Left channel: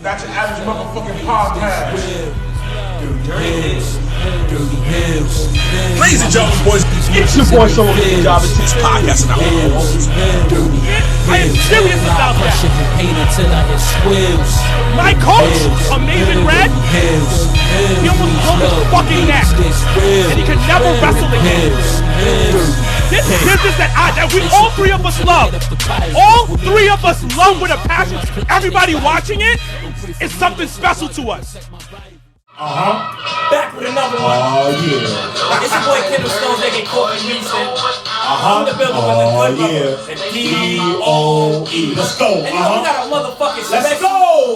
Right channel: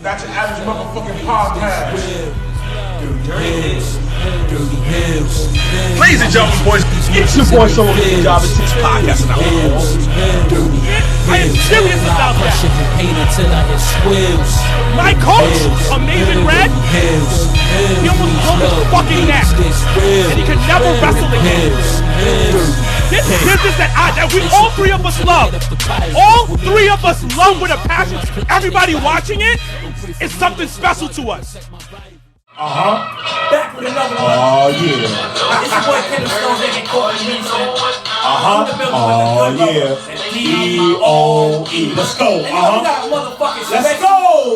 Not your average motherfucking podcast. DirtyHeelz. Ladies and gentlemen, boys, it's your boy Soul with the Jobbertears podcast. And I am serious about that. My coach, Amazing Red, he almost broke his fucking neck, and he can never wrestle again. This business that we all three of us love, with a passion. Everybody watching it is something special to us. Back with another one. Oh, yeah. It's your boy Kendall Stones, aka Courtney Reason. I'm in the building with the good brother. And D.O.E. Let's go. And you know we got a motherfucking special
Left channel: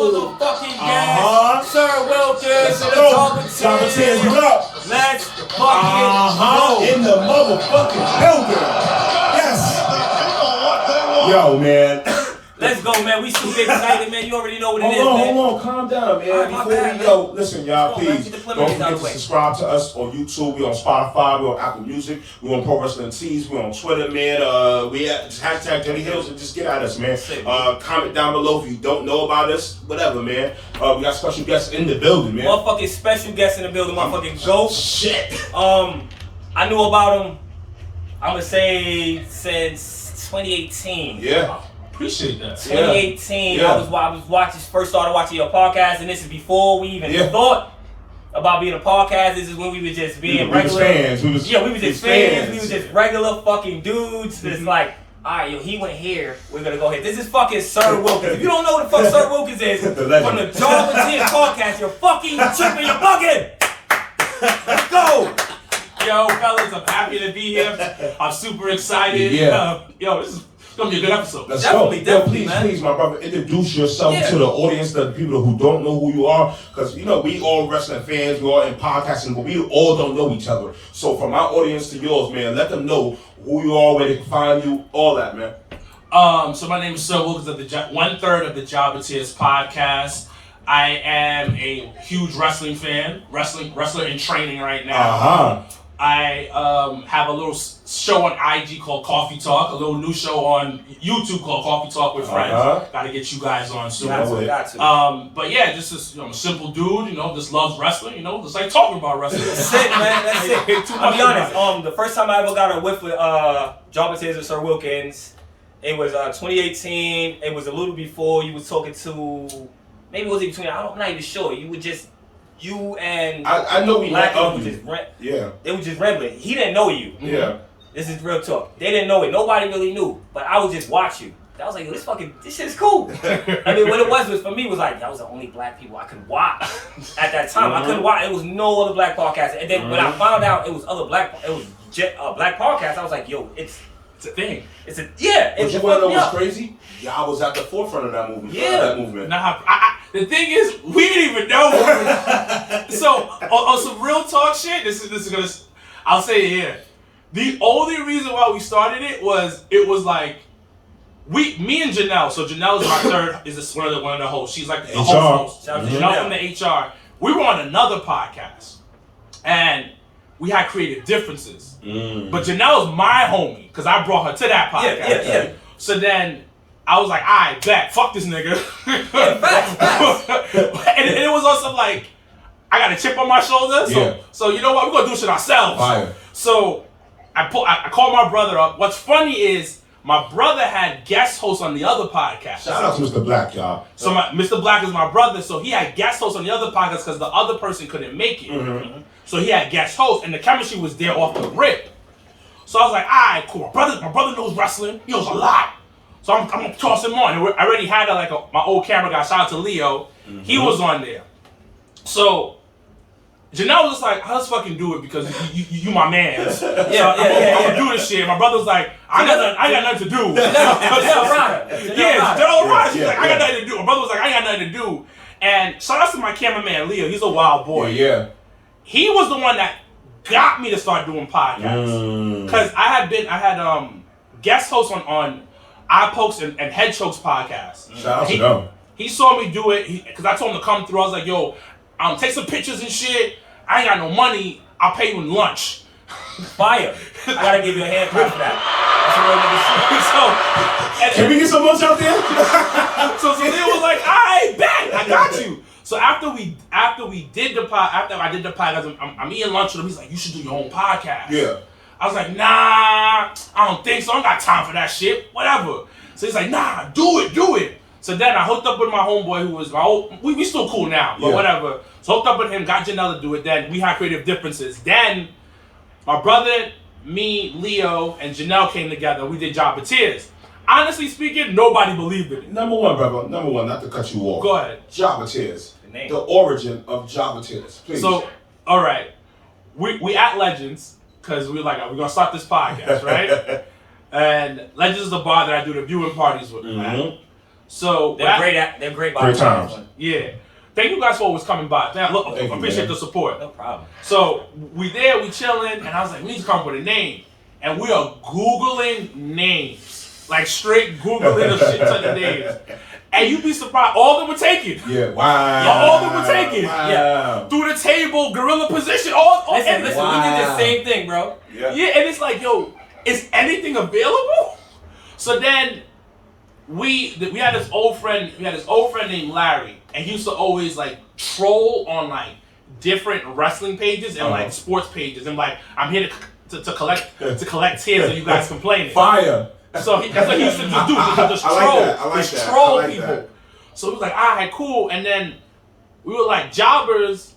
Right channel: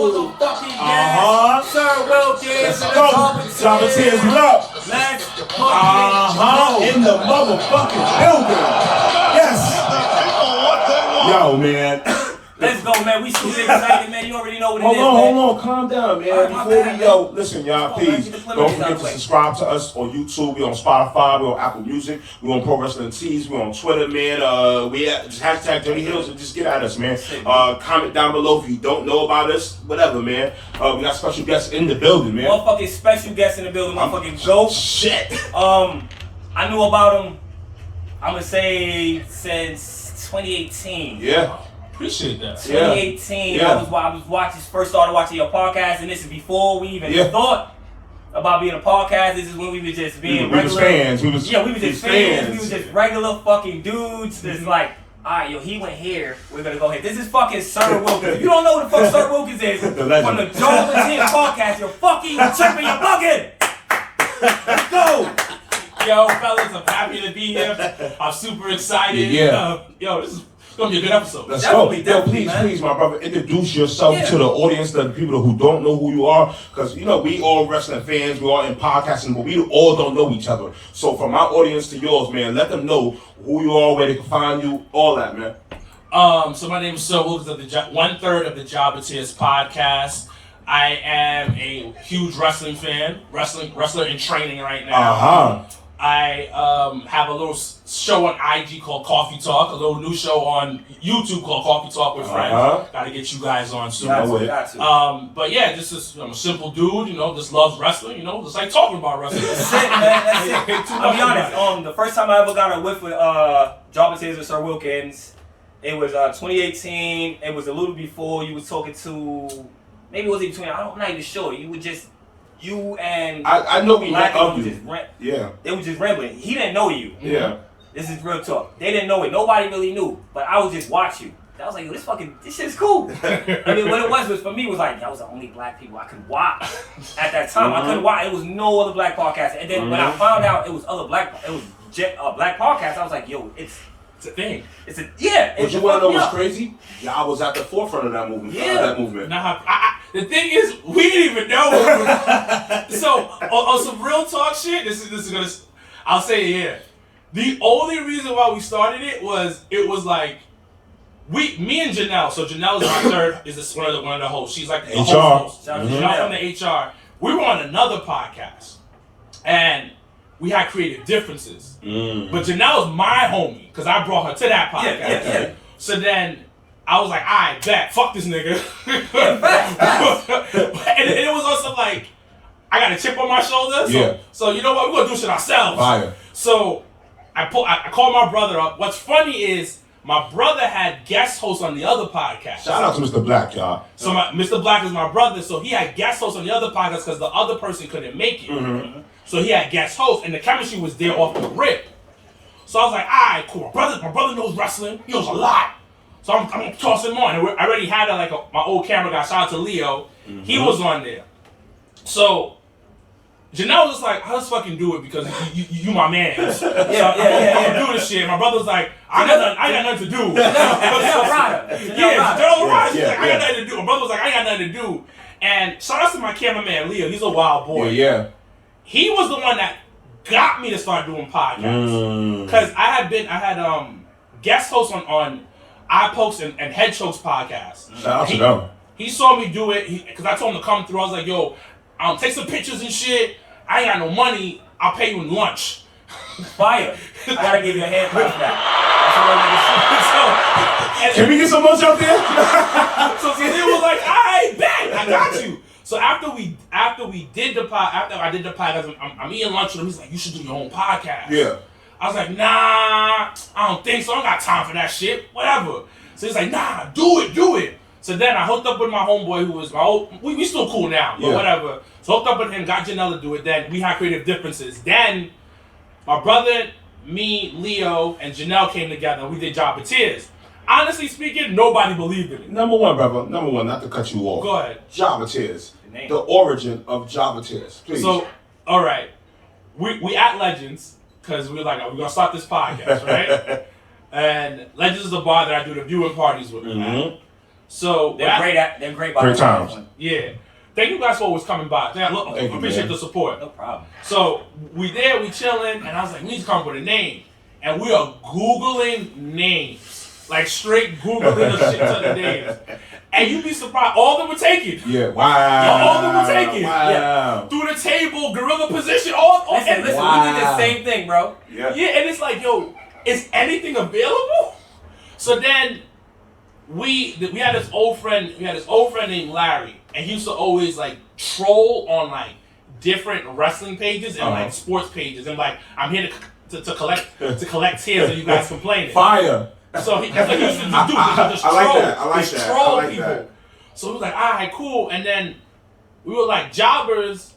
motherfucking guest. Sir Wilkins and the Jobbertears, you up? Let's fucking go. In the motherfucking building. Yes. Yo, man. Let's go, man. We super excited, man. You already know what it is, man. Hold on. Calm down, man. Right, Before we go, listen, y'all, please Let's don't forget to subscribe to us on YouTube. We're on Spotify. We're on Apple Music. We're on Pro Wrestling Tees. We're on Twitter, man. We at just hashtag DirtyHeelz and just get at us, man. Comment down below if you don't know about us. Whatever, man. We got special guests in the building, man. Motherfucking special guests in the building. Motherfucking Ghost. Shit. I knew about him, I'm going to say, since 2018. Yeah. appreciate that. 2018, yeah. I was first started watching your podcast, and this is before we even thought about being a podcast. This is when we were just being regular fans. We was just fans. We were just regular fucking dudes. It's like, all right, yo, he went here. We're gonna go here. This is fucking Sir Wilkins. If you don't know what the fuck Sir Wilkins is, from the Jobbertears podcast, you're fucking tripping. You're bugging. Let's go. Yo, fellas, I'm happy to be here. I'm super excited. Yeah. Yo, this is gonna be a good episode. Let's Definitely, go. definitely, man. Please, my brother, introduce yourself to the audience, the people who don't know who you are, because you know we all wrestling fans, we all in podcasting, but we all don't know each other. So from my audience to yours, man, let them know who you are, where they can find you, all that, man. So my name is Sir Wilkins of the 1/3 of the Jobbertears podcast. I am a huge wrestling fan, wrestler in training right now. I have a little show on IG called Coffee Talk, a little new show on YouTube called Coffee Talk with Friends. Gotta get you guys on soon. Got to. But yeah, just this, I'm a simple dude, just loves wrestling, just like talking about wrestling. That's it, man. That's it. I'll be honest. The first time I ever got a whiff with Jobbertears with Sir Wilkins, it was 2018. It was a little before you was talking to, maybe it was even 20. I'm not even sure. You and I know we Black met was you. just they were just rambling. He didn't know you. Yeah. This is real talk. They didn't know it. Nobody really knew. But I would just watch you. I was like, yo, this shit's cool. I mean, what it was for me was like, that was the only black people I could watch at that time. I couldn't watch. It was no other black podcast. And then when I found out it was black podcasts, I was like, yo, it's a thing. But you want to know what's crazy? Y'all was at the forefront of that movement. That movement. Nah, the thing is, we didn't even know. So, on some real talk shit, this is gonna. I'll say it here. The only reason why we started it was like, me and Janelle. So Janelle is my third. Is one of the hosts. She's like the host. Janelle from the HR. We were on another podcast, and we had creative differences. But Janelle is my homie because I brought her to that podcast. Yeah. So then I was like, I bet, fuck this nigga. Facts. and it was also like, I got a chip on my shoulder. So you know what? We're gonna do shit ourselves. So I called my brother up. What's funny is my brother had guest hosts on the other podcast. Shout out to Mr. Black, y'all. So Mr. Black is my brother, so he had guest hosts on the other podcast because the other person couldn't make it. So he had guest hosts, and the chemistry was there off the rip. So I was like, all right, cool. My brother knows wrestling. He knows a lot. So I'm gonna toss him on. And I already had my old camera guy. Shout out to Leo. He was on there. So Janelle was just like, let's fucking do it because you my man. I'm gonna do this shit. My brother's like, I ain't got nothing to do. Janelle Ryder. Janelle Ryder. She's like, I got nothing to do. My brother was like, I ain't got nothing to do. And shout out to my cameraman Leo. He's a wild boy. He was the one that got me to start doing podcasts. Because I had guest hosts on Eye Pokes and Head Chokes podcasts. Shout out to them. He saw me do it because I told him to come through. I was like, yo, take some pictures and shit. I ain't got no money. I'll pay you in lunch. Fire. I gotta give you a hand clap for that. That's a real nigga. Can we get some lunch out there? So Leo was like, I bet. I I got you. So after I did the podcast, I'm eating lunch with him. He's like, you should do your own podcast. Yeah. I was like, nah, I don't think so. I don't got time for that shit. Whatever. So he's like, nah, do it. So then I hooked up with my homeboy who was my old, we still cool now, but whatever. So hooked up with him, got Janelle to do it. Then we had creative differences. Then my brother, me, Leo, and Janelle came together. We did Jobbertears. Honestly speaking, nobody believed in it. Number one, brother. Number one, not to cut you off. Go ahead. Jobbertears. name. The origin of Jobbertears, please. So, all right, we at Legends because we were like, we're gonna start this podcast, right? And Legends is the bar that I do the viewing parties with. Mm-hmm. So they're great. They're great. Great times. Yeah. Thank you guys for always coming by. I appreciate the support. No problem. So we chilling, and I was like, we need to come up with a name. And we are Googling names. Like straight Googling the shit ton of names. And you'd be surprised, all of them were taken. Yeah, wow. Yeah, all of them were taken. Wow. Yeah. Through the table, gorilla position, Listen, we did the same thing, bro. Yeah, and it's like, yo, is anything available? So then we had this old friend named Larry, and he used to always like troll on like different wrestling pages and like sports pages, and like, I'm here to collect tears of you guys complaining. Fire. So that's what he used to just do. Just troll. I like that. Troll I like people. that. So we was like, all right, cool. And then we were like, jobbers.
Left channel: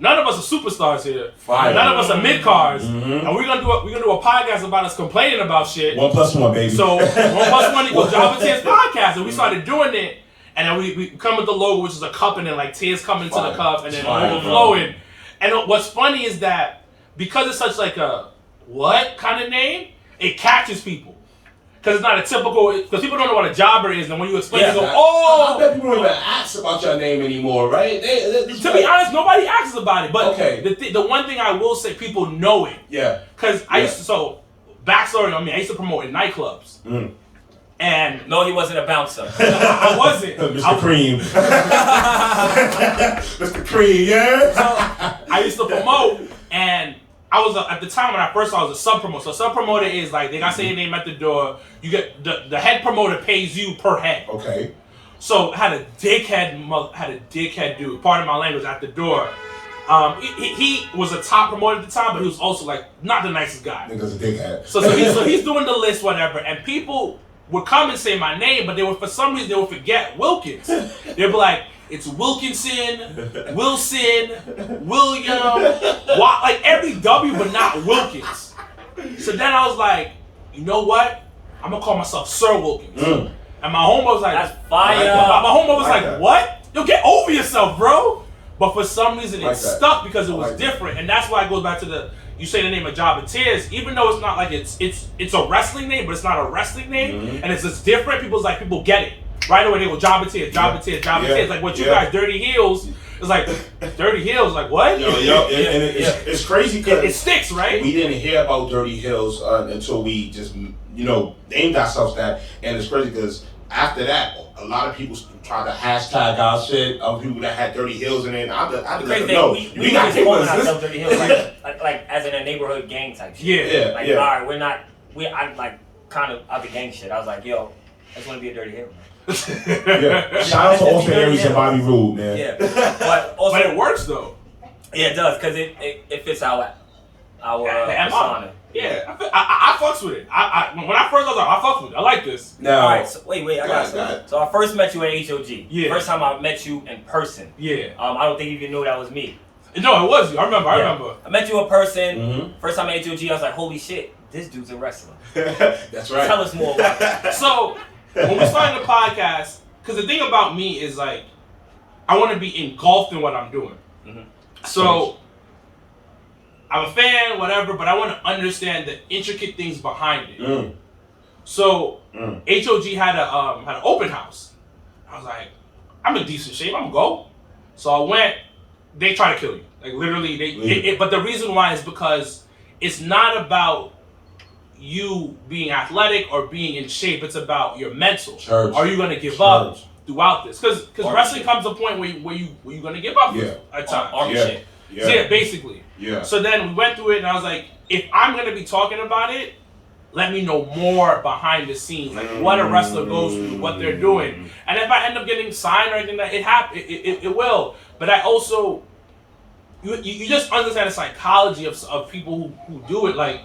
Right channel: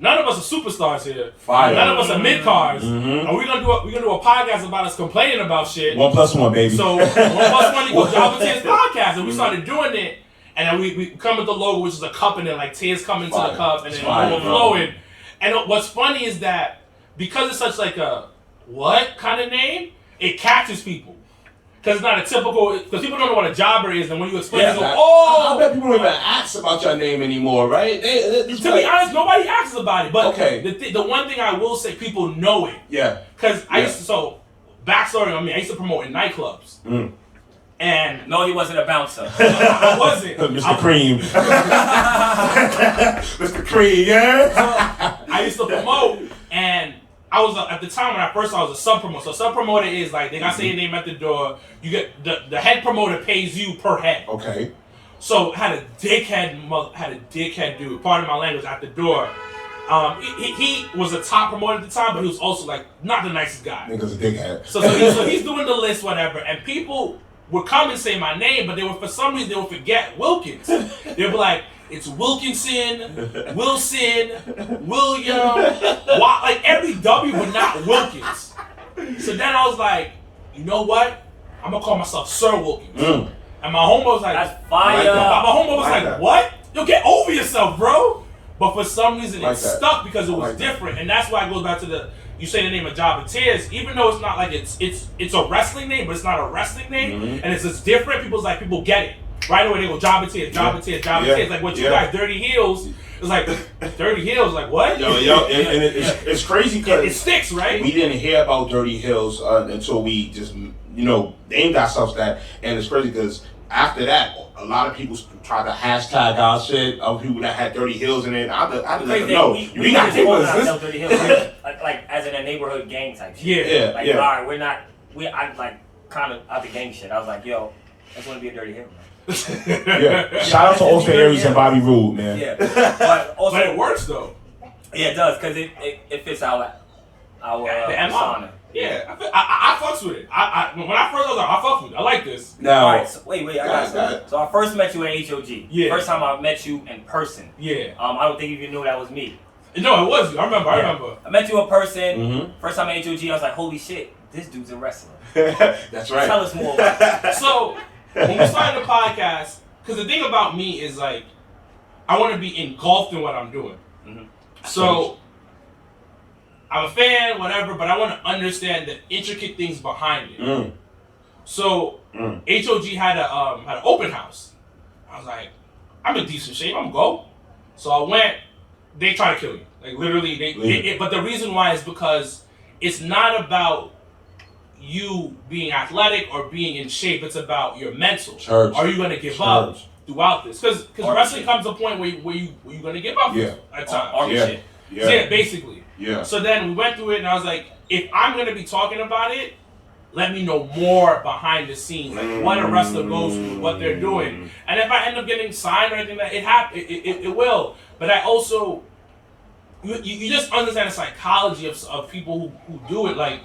None of us are superstars here. Fire. None of us are mid cards. Mm-hmm. And we're gonna do a podcast about us complaining about shit. 1+1, baby. So 1+1 equals Jobbertears podcast, and we started doing it. And then we come with the logo, which is a cup, and then like tears come into the cup, and then overflowing. And what's funny is that because it's such like a what kind of name, it catches people. Because it's not a typical, because people don't know what a jobber is, and when you explain it, they go, oh! I bet people don't even ask about your name anymore, right? To be honest, nobody asks about it. But okay. the one thing I will say, people know it. Yeah. Because I used to, backstory on me, I used to promote in nightclubs. Mm. And no, he wasn't a bouncer. I wasn't. Mr. Cream. Mr. Cream, yeah? I used to promote, and I was at the time when I first started, I was a sub promoter. So sub promoter is like they gotta say your name at the door. You get the head promoter pays you per head. Okay. So I had a dickhead dude. Pardon my language, at the door. He was a top promoter at the time, but he was also like not the nicest guy. Nigga's a dickhead. So he's doing the list, whatever, and people would come and say my name, but they would, for some reason, they would forget Wilkins. They'd be like, it's Wilkinson, Wilson, William, like every W, but not Wilkins. So then I was like, you know what? I'm gonna call myself Sir Wilkins. Mm. And my homeboy was like, that's fire. My homeboy was like, what? Yo, get over yourself, bro. But for some reason, it stuck because it was different. And that's why it goes back to you say the name of Jobbertears, even though it's not like it's a wrestling name, but it's not a wrestling name, and it's just different. People get it right away. They go Jobbertears. Like what you guys, DirtyHeelz. It's like DirtyHeelz. Like what? It's crazy because it sticks, right? We didn't hear about DirtyHeelz until we just named ourselves that, and it's crazy because after that, a lot of people tried to hashtag our shit of people that had DirtyHeelz in it. I didn't know. We got to call ourselves DirtyHeelz, like as in a neighborhood gang type shit. All right, we're not. I like kind of out the gang shit. I was like, yo, I just want to be a DirtyHeelz, man. Shout out to Austin Aries and Bobby Roode, man. Yeah, but also it works though. Yeah, it does because it fits our persona. Yeah, I fucks with it. When I first was like, I fucks with it. I like this. Now, all right, so wait, I got something. So I first met you at HOG. Yeah. First time I met you in person. Yeah. I don't think you even knew that was me. No, it was you. I remember. I met you in person. Mm-hmm. First time at HOG, I was like, holy shit, this dude's a wrestler. That's right. Tell us more about that. So when we started the podcast, because the thing about me is like, I want to be engulfed in what I'm doing. Mm-hmm. So I'm a fan, whatever, but I want to understand the intricate things behind it. Mm. So HOG had an open house. I was like, I'm in decent shape. I'm gonna go. So I went. They try to kill you, like literally. But the reason why is because it's not about you being athletic or being in shape. It's about your mental. Church. Are you gonna give up throughout this? Because wrestling comes to a point where you gonna give up at times. Shit. Yeah, basically. Yeah. So then we went through it, and I was like, if I'm gonna be talking about it, let me know more behind the scenes, like what a wrestler goes through, what they're doing. And if I end up getting signed or anything, it will. But I also, you just understand the psychology of people who do it. Like,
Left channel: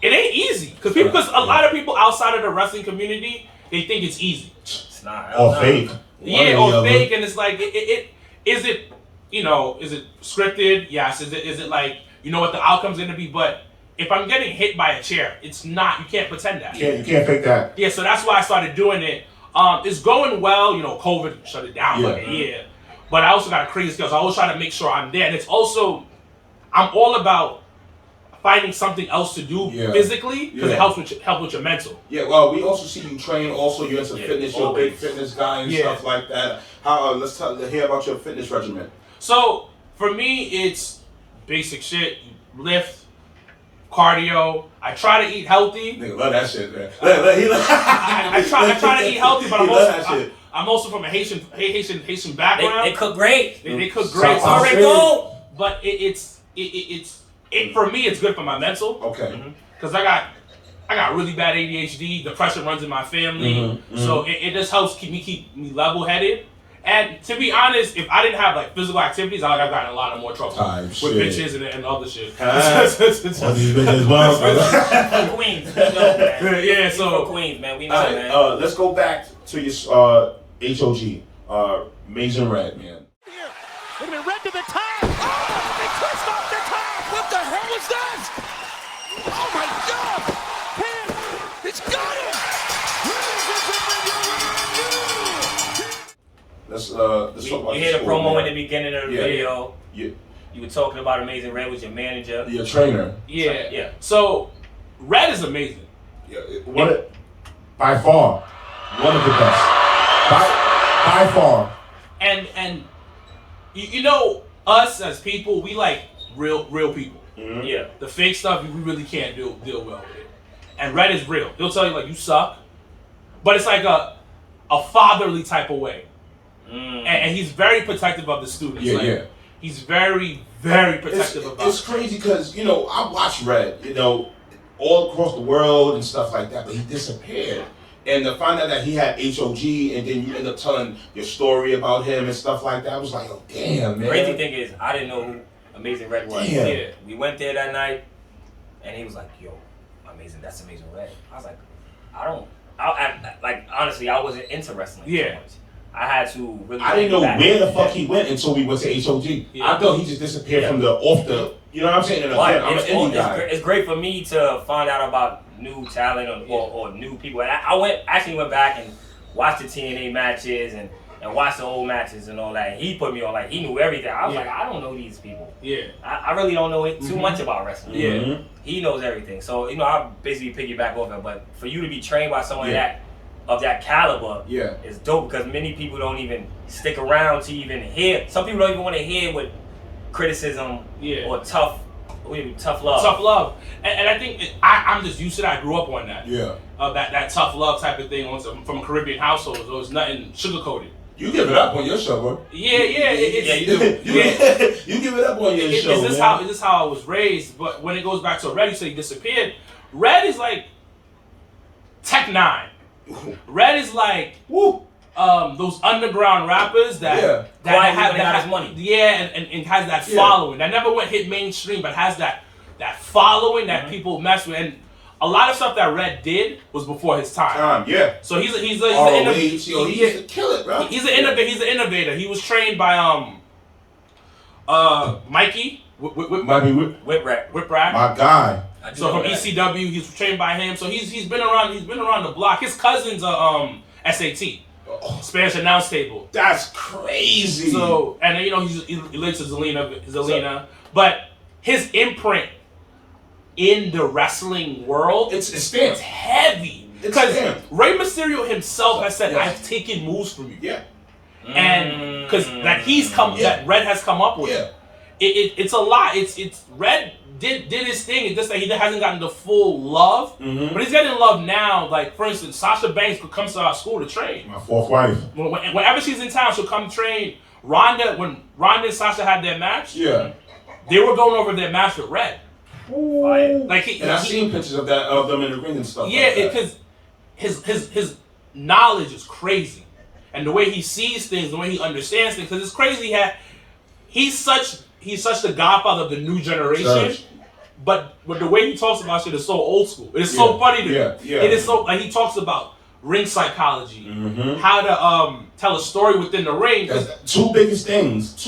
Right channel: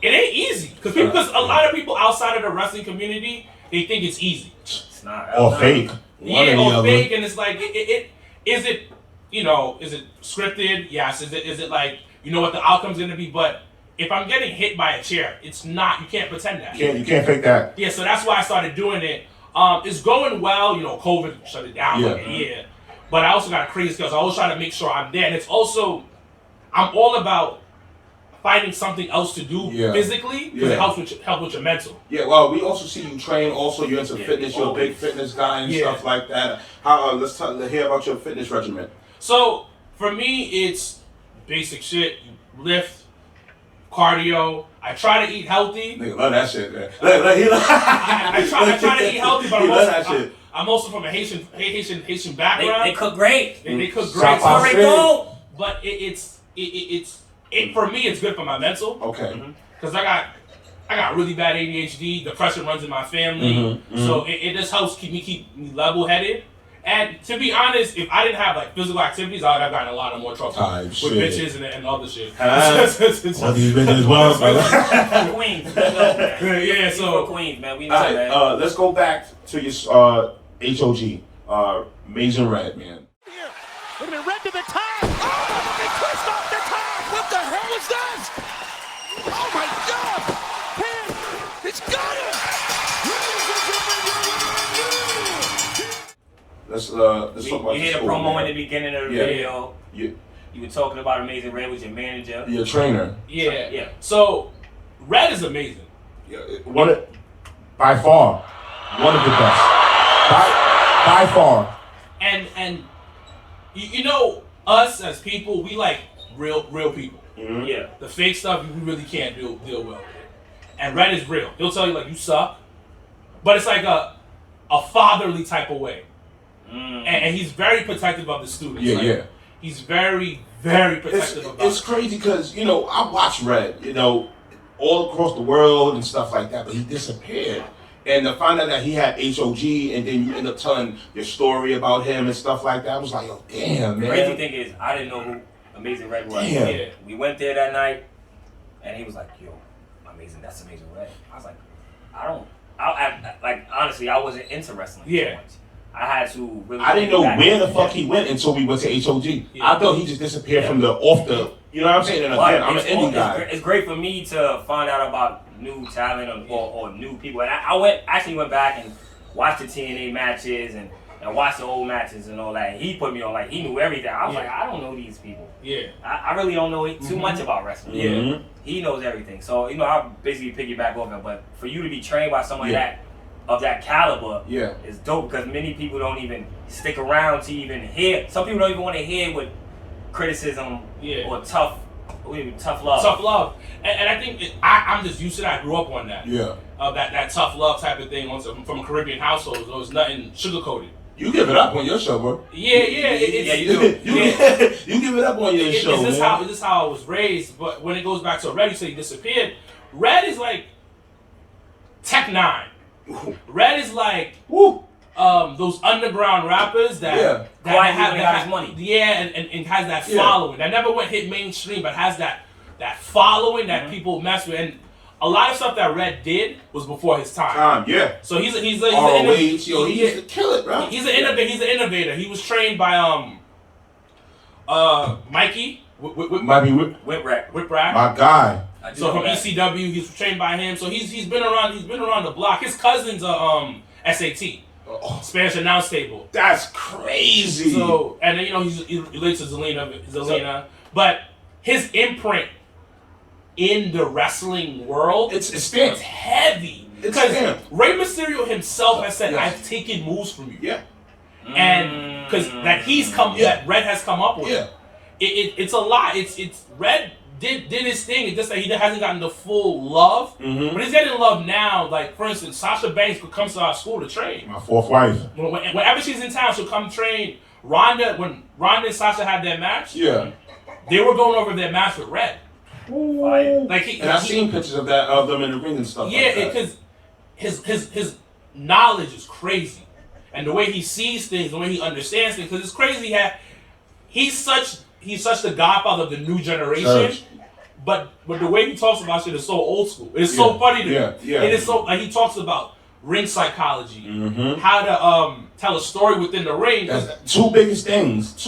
it ain't easy. Because a lot of people outside of the wrestling community, they think it's easy. It's not. Or fake. Yeah, or fake. And it's like, is it scripted? Yes. Is it like, you know what the outcome's going to be? But if I'm getting hit by a chair, it's not, you can't pretend that. You can't fake that. Yeah, so that's why I started doing it. It's going well, COVID shut it down for like a year. But I also got crazy skills. I always try to make sure I'm there. And it's also, I'm all about finding something else to do physically because it helps with your mental. Yeah, well, we also see you train. Also, you're into fitness. You're a big fitness guy and stuff like that. How? Let's hear about your fitness regimen. So for me, it's basic shit: lift, cardio. I try to eat healthy. Nigga love that shit, man. I try to eat healthy, but I'm also from a Haitian background. They cook great. They cook great. But it's for me, it's good for my mental. Okay. Because I got really bad ADHD. Depression runs in my family, so it just helps keep me level-headed. And to be honest, if I didn't have like physical activities, I would have gotten a lot of more trouble with bitches and other shit. What these bitches want, From Queens, we know, man. Yeah, so from Queens, man. We know, man. Let's go back to your HOG, Amazing Red, man. Here, wait a minute, Red to the top. Oh, big twist off the top. What the hell was that? Oh my God! Pin, it's got him. Let's talk about You hear the school, promo man. in the beginning of the video. You were talking about Amazing Red with your manager. Your trainer. Yeah. So Red is amazing. Yeah, by far, one of the best. By far. And you know, us as people, we like real people. Mm-hmm. Yeah. The fake stuff we really can't deal well with. And Red is real. He'll tell you like you suck, but it's like a fatherly type of way. And he's very protective of the students. He's very, very protective about it. It's crazy because, I watched Red, all across the world and stuff like that, but he disappeared. And to find out that he had HOG and then you end up telling your story about him and stuff like that, I was like, oh, damn, man. The crazy thing is, I didn't know who Amazing Red was. Damn. Yeah. We went there that night, and he was like, yo, that's Amazing Red. I was like, honestly, I wasn't into wrestling so much. I had to really. I didn't know where the fuck he went until we went to HOG. I thought he just disappeared from off the, you know what I'm saying? And again, I'm an indie guy. It's great for me to find out about new talent or new people. And I actually went back and watched the TNA matches and watched the old matches and all that. He put me on, like, he knew everything. I was like, I don't know these people. Yeah. I really don't know too much about wrestling. Yeah. He knows everything. So, I basically piggyback off it. But for you to be trained by someone of that caliber is dope because many people don't even stick around to even hear. Some people don't even want to hear what criticism or tough love. Tough love. And I think I'm just used to that. I grew up on that. Yeah. That tough love type of thing from a Caribbean household. There was nothing sugarcoated. You give it up on your show, bro. Yeah, you do. You give it up on your show, Is this how I was raised? But when it goes back to Red, you say he disappeared. Red is like Tech 9. Red is like those underground rappers that quietly got his money. Yeah, and has that following. That never hit mainstream, but has that following that people mess with. And a lot of stuff that Red did was before his time. So he's an innovator. He used to kill it, bro. He's an innovator. He was trained by Mikey Whip Rat. My guy. So from ECW, he's trained by him. So he's been around the block. His cousin's SAT, Spanish announce table. That's crazy. So and he relates to Zelina, but his imprint in the wrestling world, it's heavy. Because Rey Mysterio himself has said, "I've taken moves from you." Yeah. And because that Red has come up with. Yeah. It's a lot. It's Red did his thing. It's just that he hasn't gotten the full love, but he's getting love now. Like for instance, Sasha Banks comes to our school to train. My fourth wife. Whenever she's in town, she'll come train. When Ronda and Sasha had their match, they were going over their match with Red. Ooh. Like and I've seen pictures of them in the ring and stuff. Yeah, like that. because his knowledge is crazy, and the way he sees things, the way he understands things, because it's crazy. He's such the godfather of the new generation. But the way he talks about shit is so old school. It's so funny to me. Yeah. It is so like he talks about ring psychology, how to tell a story within the ring. Two biggest things.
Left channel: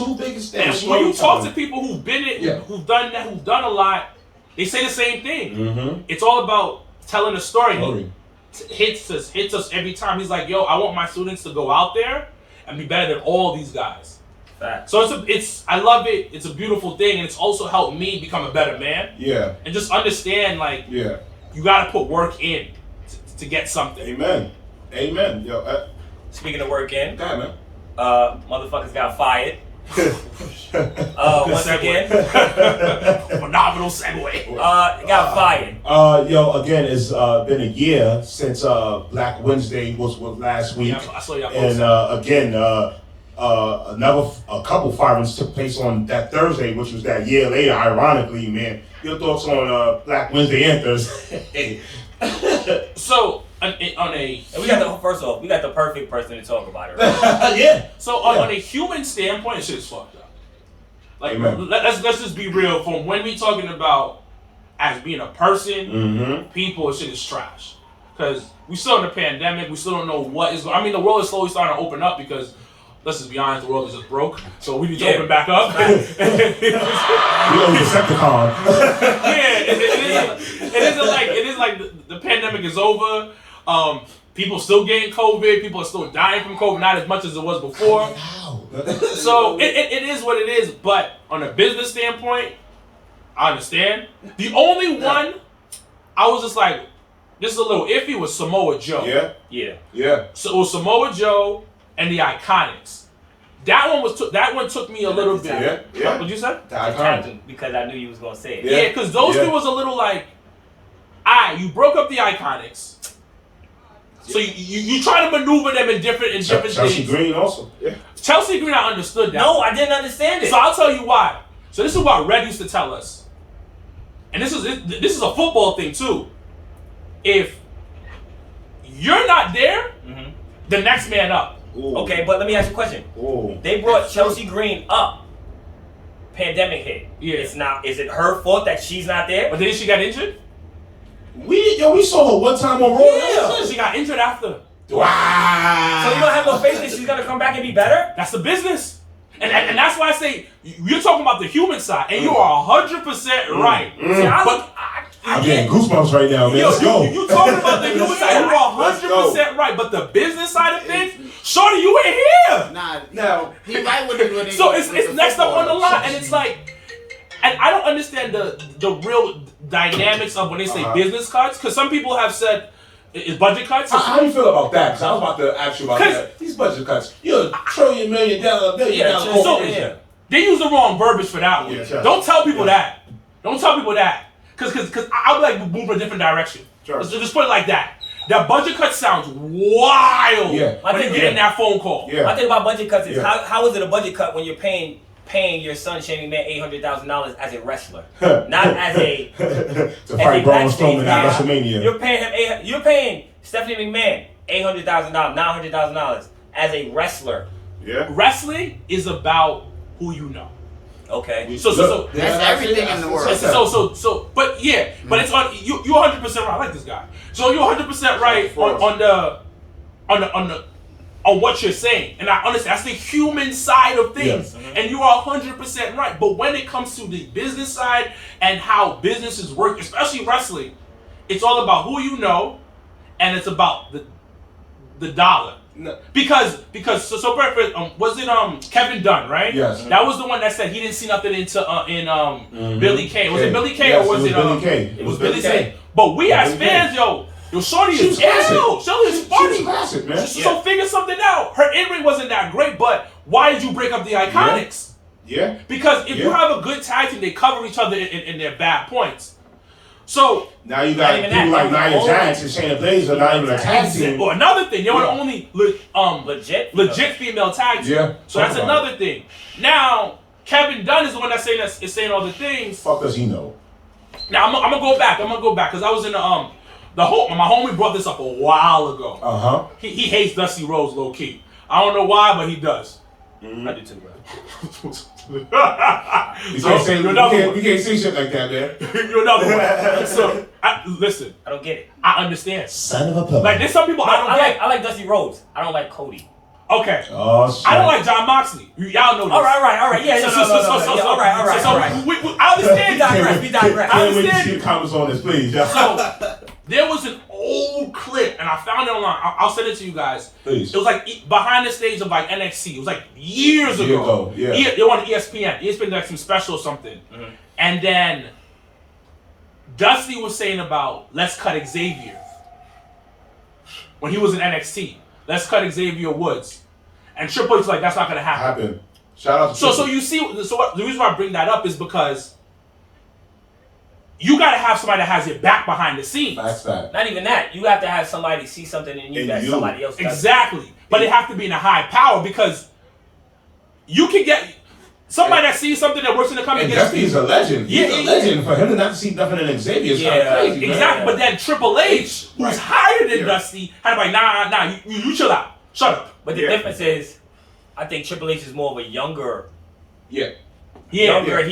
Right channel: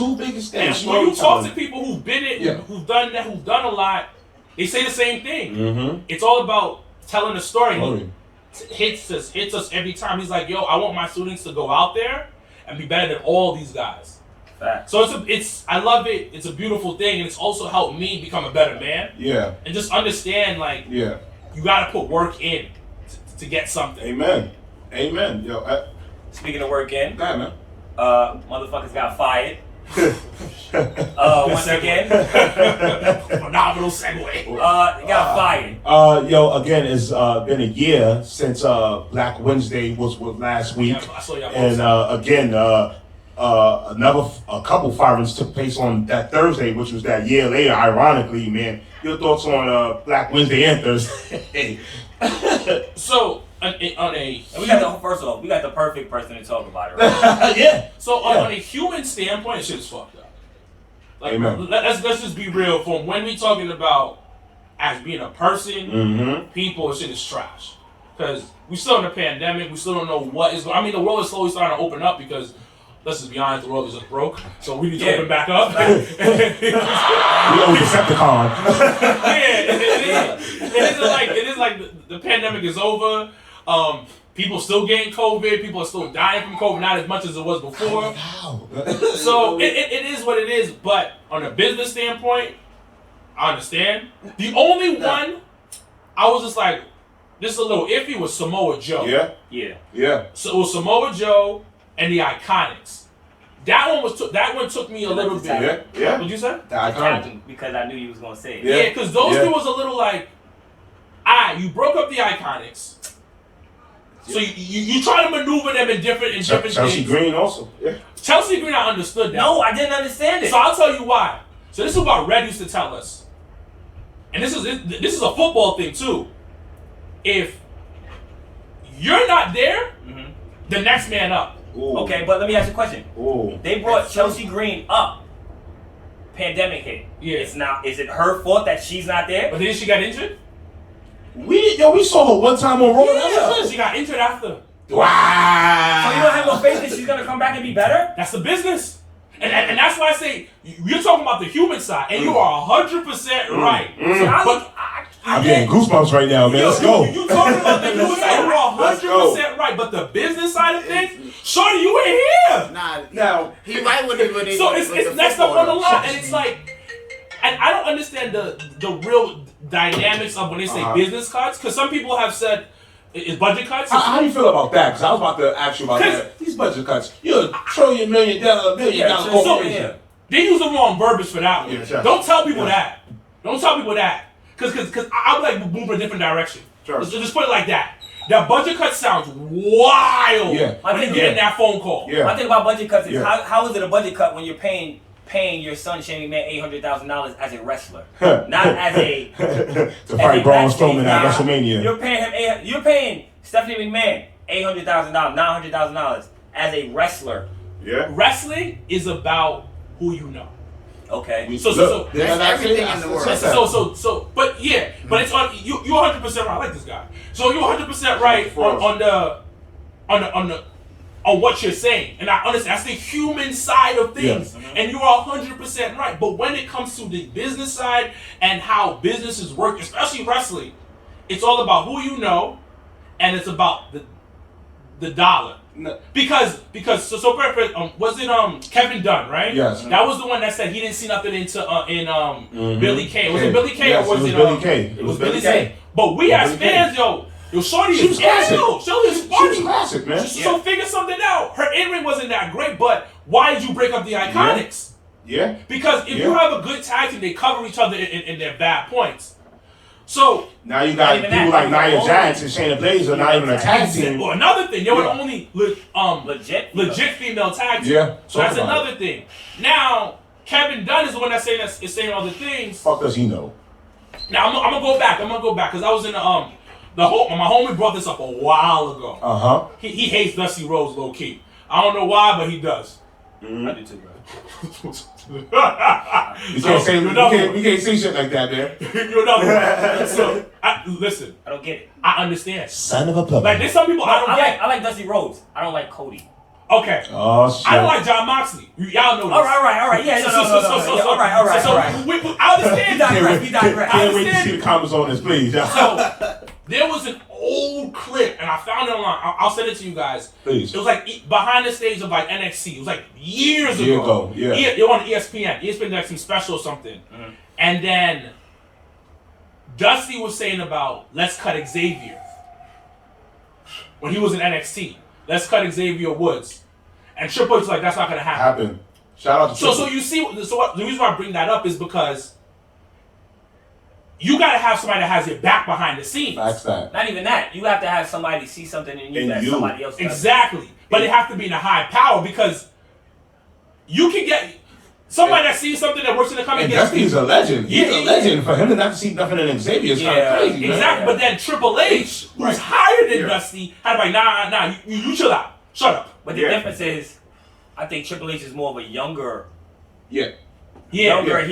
And when you talk to people who've been it, who've done that, who've done a lot, they say the same thing. It's all about telling a story. He hits us every time. He's like, yo, I want my students to go out there and be better than all these guys. Fact. So I love it. It's a beautiful thing, and it's also helped me become a better man. Yeah. And just understand, like, you gotta put work in to get something. Amen. Yo. Speaking of work in, man. Motherfuckers got fired. Once again, phenomenal segue. Got fired. Again, it's been a year since Black Wednesday was last week, I saw y'all and again, a couple firings took place on that Thursday, which was that year later. Ironically, man, your thoughts on Black Wednesday and Thursday? So we got the perfect person to talk about it, right? Yeah. So on a human standpoint, shit's fucked up. Like, let's just be real. From when we talking about as being a person, people, shit is trash. Because we still in the pandemic. We still don't know what is. I mean, the world is slowly starting to open up because. Let's just be honest, the world is just broke, so we need to open back up. We owe Decepticon. It is like the pandemic is over. People still getting COVID. People are still dying from COVID, not as much as it was before. So it is what it is. But on a business standpoint, I understand. The only one I was just like, this is a little iffy was Samoa Joe. Yeah. So it was Samoa Joe. And the Iconics. That one took me a little bit. Yeah. What'd you say? The Iconics. Because I knew you was gonna say it. Yeah, because those two was a little like, you broke up the Iconics. So you try to maneuver them in different Chelsea things. Green also. Yeah. Chelsea Green, I understood that. No, I didn't understand it. So I'll tell you why. So this is what Red used to tell us, and this is a football thing too. If you're not there, the next man up. Ooh. Okay, but let me ask you a question. Ooh. They brought Chelsea Green up. Pandemic hit. Yeah. Is it her fault that she's not there? But then she got injured? We saw her one time on Raw. Yeah. She got injured after. Wow. So you don't have no faith that she's gonna come back and be better? That's the business. And that's why I say, you're talking about the human side, and you are 100% right. See, I'm getting goosebumps right now, man. Let's go. You talking about the human side, you are 100% right. But the business side of things, shorty, you ain't here. Nah, Now he right when he So it's next up on the line, and it's like, and I don't understand the real dynamics of when they say business cuts, because some people have said, is budget cuts? How do you feel about that? Because I was about to ask you about that. These budget cuts. You're a $1 million corporation. They use the wrong verbiage for that one. Yeah, Don't tell people that. Don't tell people that. Because I'll be like, move in a different direction. Sure. Let's just put it like that. That budget cut sounds wild when you're getting that phone call. Yeah. My thing about budget cuts is how is it a budget cut when you're paying your son Shane Man $800,000 as a wrestler, not as a to fight Braun Strowman at WrestleMania. You're paying Stephanie McMahon $800,000, $900,000 as a wrestler. Yeah. Wrestling is about who you know. Okay. So that's everything in the world. But it's on you. You're 100% right. I like this guy. So you're 100% right on what you're saying, and I understand that's the human side of things, and you are 100% right. But when it comes to the business side and how businesses work, especially wrestling, it's all about who you know, and it's about the dollar. No. Because was it Kevin Dunn, right? Yes. That was the one that said he didn't see nothing in Billy Kay. Was it Billy Kay or was it Billy Kay? It was Billy Kay. But we as fans, shorty is ill. Shorty is funny. She's classic, man. So figure something out. Her in-ring wasn't that great, but why did you break up the Iconics? Yeah. Because if you have a good tag team, they cover each other in their bad points. So now you got people like Nia Jax and Shayna Baszler not even a tag team. Well, another thing, they were the only legit female tag team. Yeah. So that's another thing. Now Kevin Dunn is the one that's saying all the things. Fuck does he know? Now I'm gonna go back. Because I was in my homie brought this up a while ago. He hates Dusty Rhodes low key. I don't know why, but he does. I do too, bro. You can't say shit like that, man. You're another one. So listen. I don't get it. I understand. Son of a puppet. Like there's some people I don't get. I like Dusty Rhodes. I don't like Cody. Okay. Oh shit. I don't like John Moxley. Y'all know this. All right. Yeah, So, all right. I understand. We digress. Can't wait to see the comments on this, please. So there was an old clip, and I found it online. I'll send it to you guys. Please. It was like behind the stage of like NXT. It was like years ago. Year ago, yeah. They were on ESPN. ESPN did like some special or something. Mm-hmm. And then Dusty was saying about let's cut Xavier when he was in NXT. Let's cut Xavier Woods. And Triple H was like, that's not gonna happen. Shout out to Triple. So you see, the reason why I bring that up is because you gotta have somebody that has your back behind the scenes. That's that. Not even that. You have to have somebody see something in you that somebody else does. Exactly. But it have to be in a high power because you can get somebody that sees something that works in the company. And Dusty's a legend. He's a legend. For him to not to see nothing in Xavier is kind of crazy. Exactly. Man. But then Triple H, who's higher than Dusty, had to be like, nah, you chill out. Shut up. But the difference is, I think Triple H is more of a younger. Yeah. He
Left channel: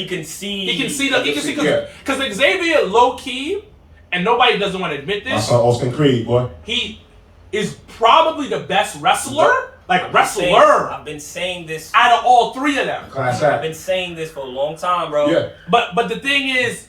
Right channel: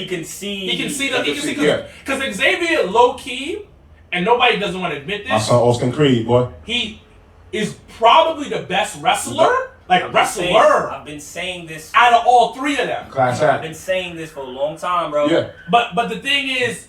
can see. He can see because Xavier low key, and nobody doesn't want to admit this. I saw Austin Creed, boy. He is probably the best wrestler. I've been saying this out of all three of them. Class I've been saying this for a long time, bro. Yeah. But the thing is,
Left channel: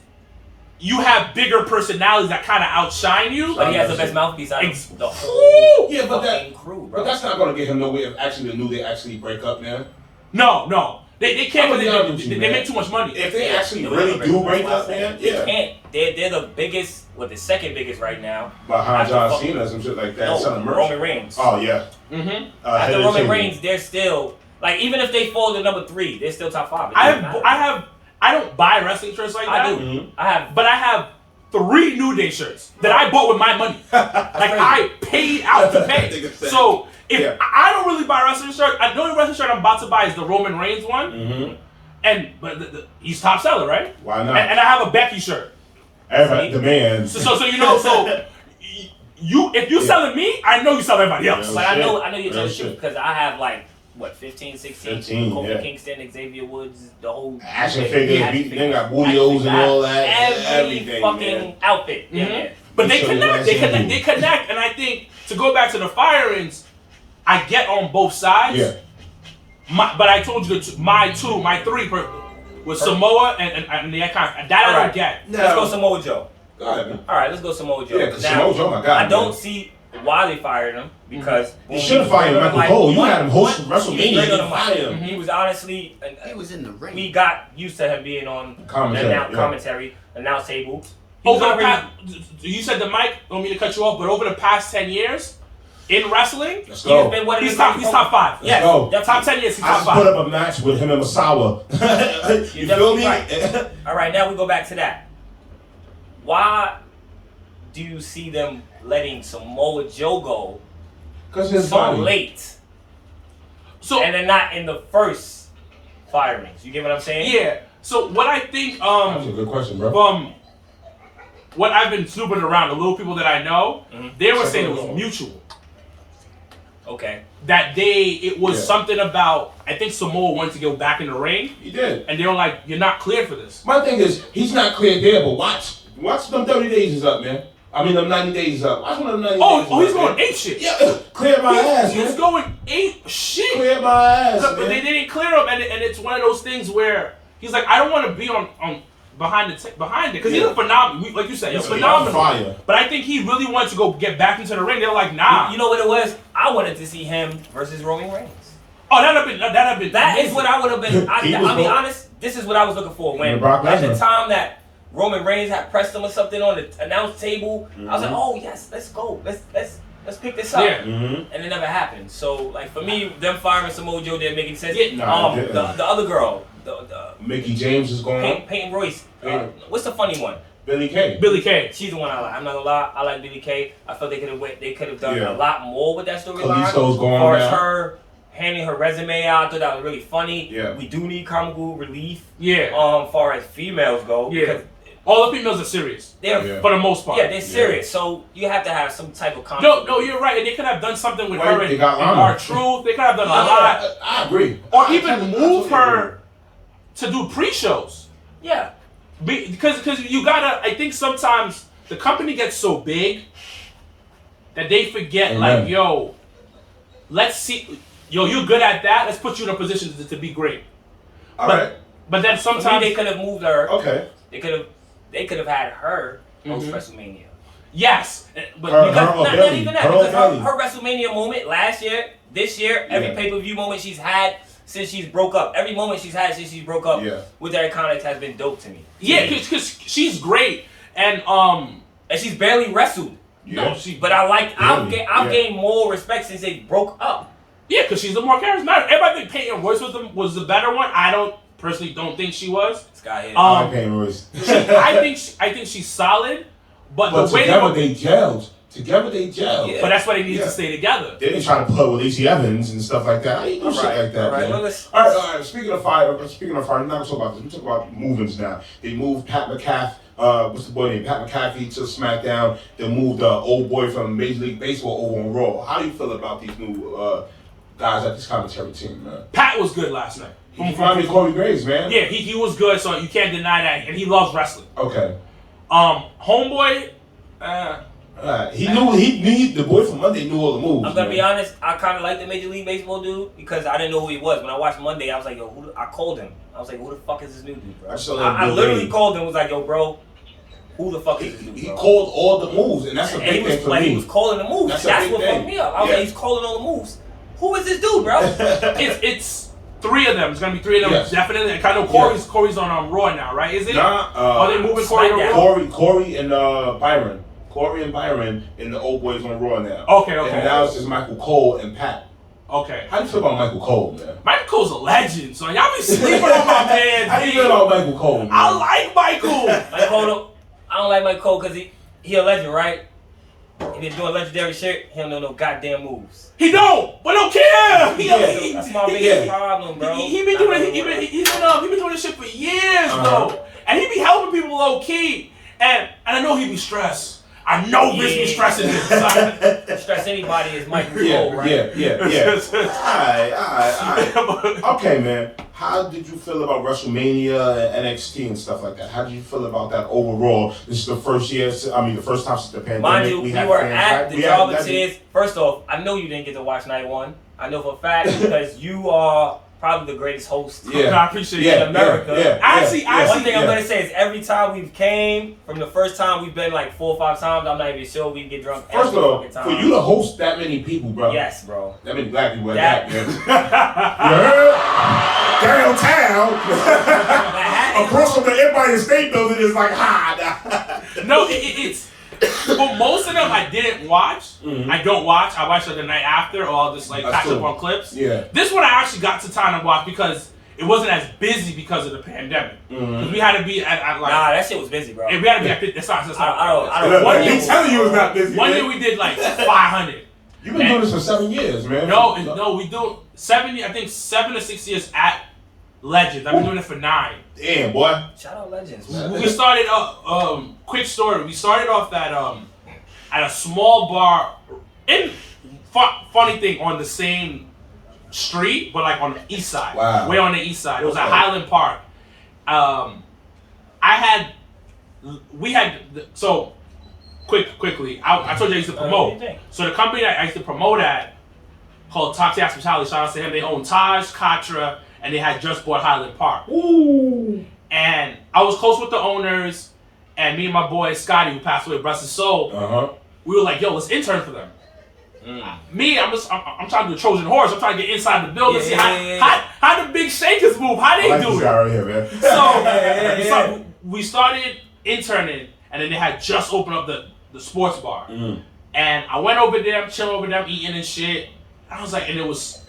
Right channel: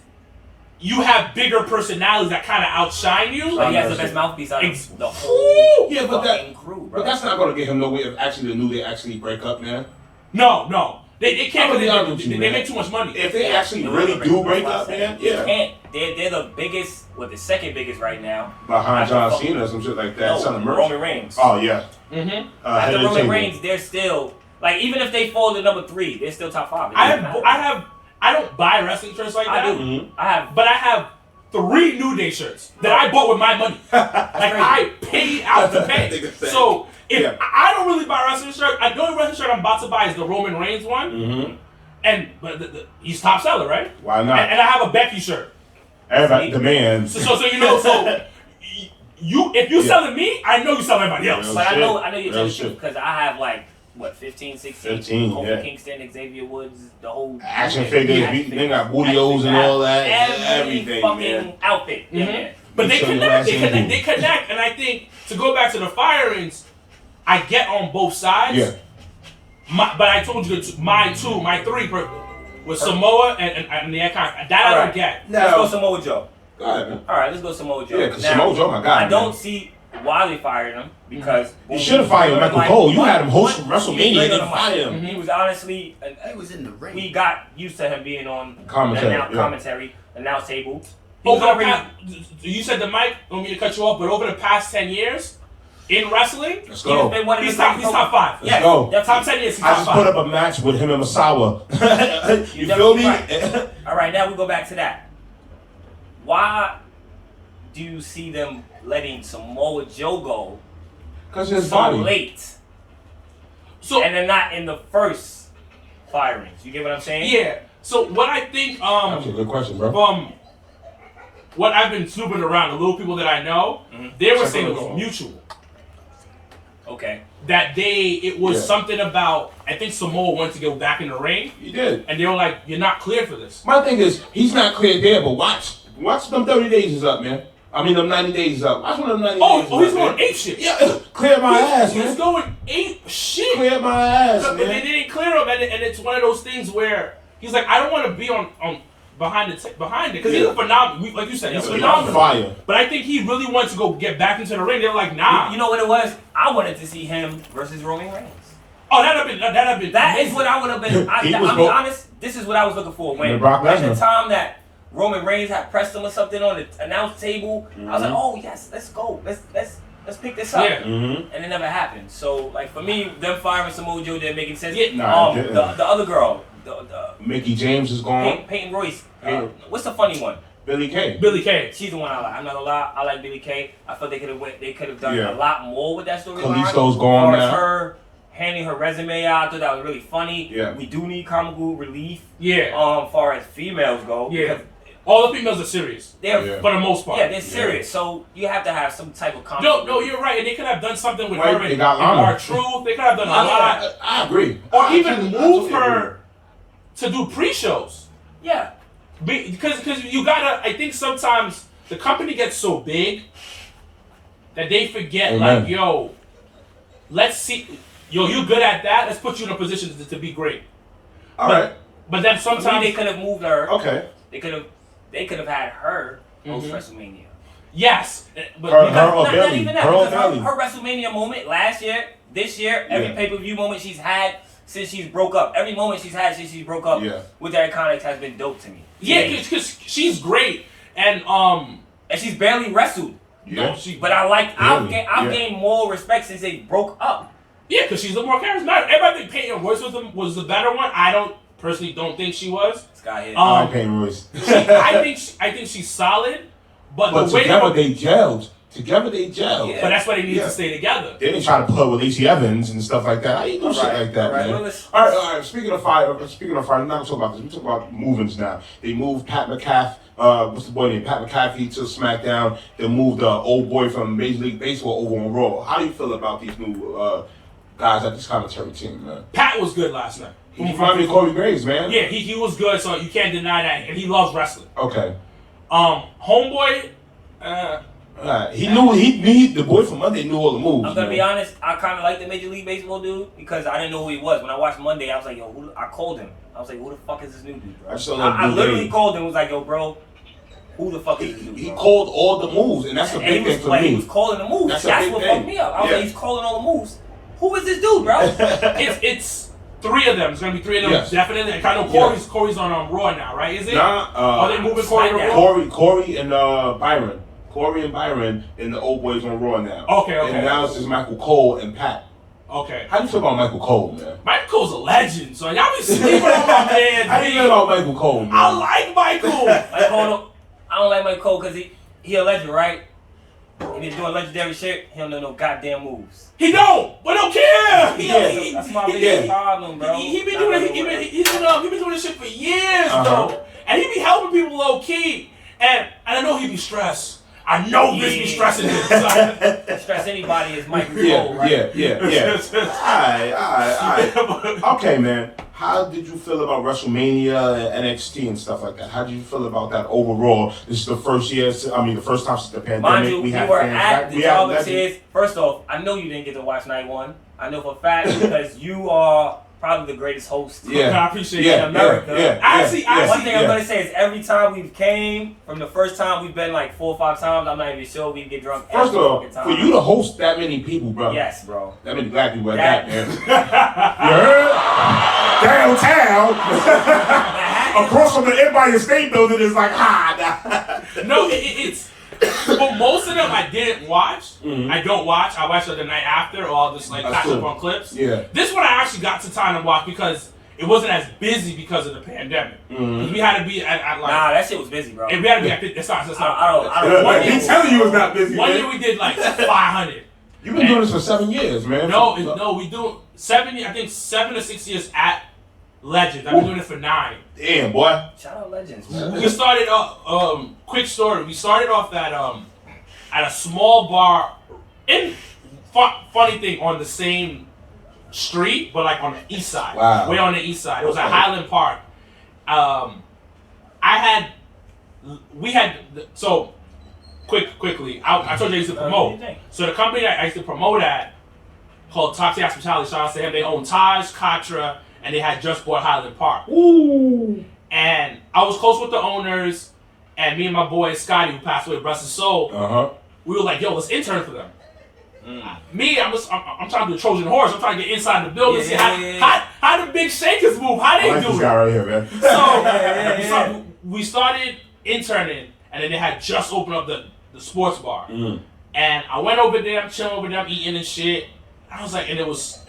you have bigger personalities that kind of outshine you. But he has the best mouthpiece out of the whole fucking crew, bro. But that's not going to get him nowhere if actually the New Day actually break up, man. No. They can't because they man. make too much money. If they actually really do break up, man, They can't. They're the biggest, the second biggest right now. Behind John Cena or some shit like that. No, Roman Reigns. Oh, yeah. Mm-hmm. After Roman Reigns, they're still, like, even if they fall to number 3, they're still top 5. I don't buy wrestling shirts like that. I do. Mm-hmm. But I have 3 New Day shirts that I bought with my money. I paid out to pay. So if I don't really buy wrestling shirts, the only wrestling shirt I'm about to buy is the Roman Reigns one. Mm-hmm. But he's top seller, right? Why not? And I have a Becky shirt. Everybody demands. So if you're selling me, I know you sell everybody else. But I know you're telling the truth because I have 15, 16, Kofi Kingston, Xavier Woods, the whole action figures. They got Booty-O's and all that. Every fucking outfit. Mm-hmm. Yeah. But they connect, and I think to go back to the firings, I get on both sides. Yeah. But I told you my 3 was Samoa and the Icon. That I don't get. Let's go Samoa Joe. Go ahead, man. All right, let's go Samoa Joe. Yeah, because Samoa Joe, my God. I don't see why they fired him because you should have fired Michael Cole. You had him host WrestleMania and fired him. He was honestly. He was in the ring. We got used to him being on commentary, announce table. You said the mic. I don't mean to cut you off, but over the past 10 years in wrestling, he's been one of he's top 5. Yes, top 10 years. He's top 5. I just put up a match with him and Masawa. You feel me? Right. All right, now we go back to that. Why do you see them letting Samoa Joe go so late? And they're not in the first firings. You get what I'm saying? Yeah. So what I think that's a good question, bro. From what I've been snooping around, the little people that I know, they were saying it was mutual. Okay. That it was something about, I think Samoa wanted to go back in the ring. He did. And they were like, you're not clear for this. My thing is, he's not clear there, but watch them 30 days is up, man. I mean, them 90 days is up. Watch when them 90 days is up. He's going 8 shit. Yeah, clear my ass, man. He's going 8 shit. Clear my ass, But they didn't clear him, and it's one of those things where he's like, I don't want to be on behind it because he's a phenomenal. Like you said, he's phenomenal. Fire. But I think he really wanted to go get back into the ring. They were like, nah. You know what it was? I wanted to see him versus Roman Reigns. Oh, that'd have been. That is what I would have been. I'll be honest. This is what I was looking for when at the time that Roman Reigns had pressed him or something on the announce table. I was like, oh yes, let's go. Let's pick this up. Yeah. And it never happened. So like for me, them firing Samoa Joe didn't make any sense. The other girl, the Mickey James is gone. Peyton Royce. What's the funny one? Billy Kay. She's the one I like. I'm not gonna lie. I like Billy Kay. I felt they could have done a lot more with that storyline. Kalisto's gone now. As her handing her resume out, I thought that was really funny. Yeah. We do need comical relief. Yeah. Far as females go. Yeah. Because All the females are serious. They're for the most part. Yeah, they're serious. So you have to have some type of confidence. No, you're right. And they could have done something with Well, her they and got Lana. R-Truth. They could have done a lot. I agree. Or I even totally move agree. her to do pre-shows. Yeah. Because you gotta, I think sometimes the company gets so big that they forget, Amen. like, yo, let's see, yo, you good at that, let's put you in a position to be great. All right. But then For me, sometimes they could have moved her. Okay. They could have had her host WrestleMania. yes, but Her- because, her- Not even that, Her because belly. her WrestleMania moment last year, this year, every Yeah. pay-per-view moment she's had since she's broke up, every moment she's had since she's broke up with the Iconics has been dope to me. yeah, because she's great, and And she's barely wrestled. Yeah. but I've Yeah. gained more respect since they broke up. yeah, because she's the more charismatic. Everybody think Peyton Royce was the better one. I don't think she was. Scott here. I like Peyton Royce. I think she's solid, but But the way together they gelled. Yeah. but that's why they need Yeah. to stay together. They didn't try to put her with Lacey Evans and stuff like that. How you do shit like that, all right. man? Well, let's- all right. Speaking of fire, we're not gonna talk about this. We're talking about movements now. They moved Pat McAfee. What's the boy name? Pat McAfee to SmackDown. They moved the old boy from Major League Baseball over on Raw. How do you feel about these new guys at this commentary team, man? Pat was good last night. He reminded me of Corey Graves, man. Yeah, he was good, so you can't deny that, and he loves wrestling. Okay. Homeboy, He knew the boy from Monday knew all the moves. I'm gonna man. be honest. I kind of like the Major League Baseball dude because I didn't know who he was. When I watched Monday, I was like, yo, I called him. I was like, who the fuck is this new dude, bro? I literally called him. Was like, yo, bro, who the fuck is this dude? He Bro? called all the moves, and that's a And big thing for me. he was calling the moves. That's a That's big what thing. fucked me up. I was Yeah. like, he's calling all the moves. Who is this dude, bro? it's three of them. It's gonna be three of them, Yes. definitely. And I know Corey's on Raw now, right? Is it? Nah, Are they moving Corey to SmackDown. Raw? Corey and Byron. Corey and Byron and the old boys on Raw now. Okay. And now it's just Michael Cole and Pat. Okay. How do you feel about Michael Cole, man? Michael Cole's a legend, so y'all be sleeping on my man. How do you feel about Michael Cole, man? I like Michael. Mike Cole, I don't like Mike Cole because he a legend, right? He been doing legendary shit. He don't know no goddamn moves. He don't, but don't care. That's my biggest problem, bro. He been Not doing gonna he work. been doing this shit for years, Uh-huh. bro. And he be helping people low key. And I know he be stressed. I know Rich be stressing him. son. Stress anybody is Michael Cole, Yeah, right? yeah. Alright. Okay, man. How did you feel about WrestleMania and NXT and stuff like that? How did you feel about that overall? This is the first year, the first time since the pandemic. Mind you, we had were fans at back. the We had- Jobbertears. First off, I know you didn't get to watch night one. I know for a fact because you are probably the greatest host I appreciate in that. America. Actually, One thing I'm gonna say is every time we've came, from the first time we've been like 4 or 5 times, I'm not even sure we get drunk First every of all, fucking time. for you to host that many people, bro. Yes, bro. That many black people at That- that, man. You heard? Downtown, Manhattan, across from the Empire State Building is like, No, it's. But most of them I didn't watch. I don't watch. I watch it the night after, or I'll just like That's catch cool. up on clips. Yeah. This one I actually got to time to watch because it wasn't as busy because of the pandemic. 'Cause we had to be at like. Nah, that shit was busy, bro. and we had to be at. That's not. I don't. One year, He's telling you it's not busy. one man. year we did like 500. You've been doing this for 7 years, man. No, we do 7. I think 7 or 6 years at Legends. I've been doing it for 9. Damn, boy. Shout out Legends, man. We started quick story. We started off at a small bar in funny thing on the same street, but like on the east side. Wow. Way on the east side. It was at Okay. Highland Park. So quickly. I told you I used to What do promote. you think? So the company that I used to promote at called Toxic Hospitality, shout out to him. They own Taj, Katra, and they had just bought Highland Park. Ooh. And I was close with the owners, and me and my boy Scotty, who passed away, bless his soul, we were like, yo, let's intern for them. Me, I'm trying to do a Trojan horse. I'm trying to get inside the building, see how the big shakers move, how they I like do this it. guy right here, man. So we started interning, and then they had just opened up the sports bar. And I went over there, chilling over them, eating and shit. I was like, and it was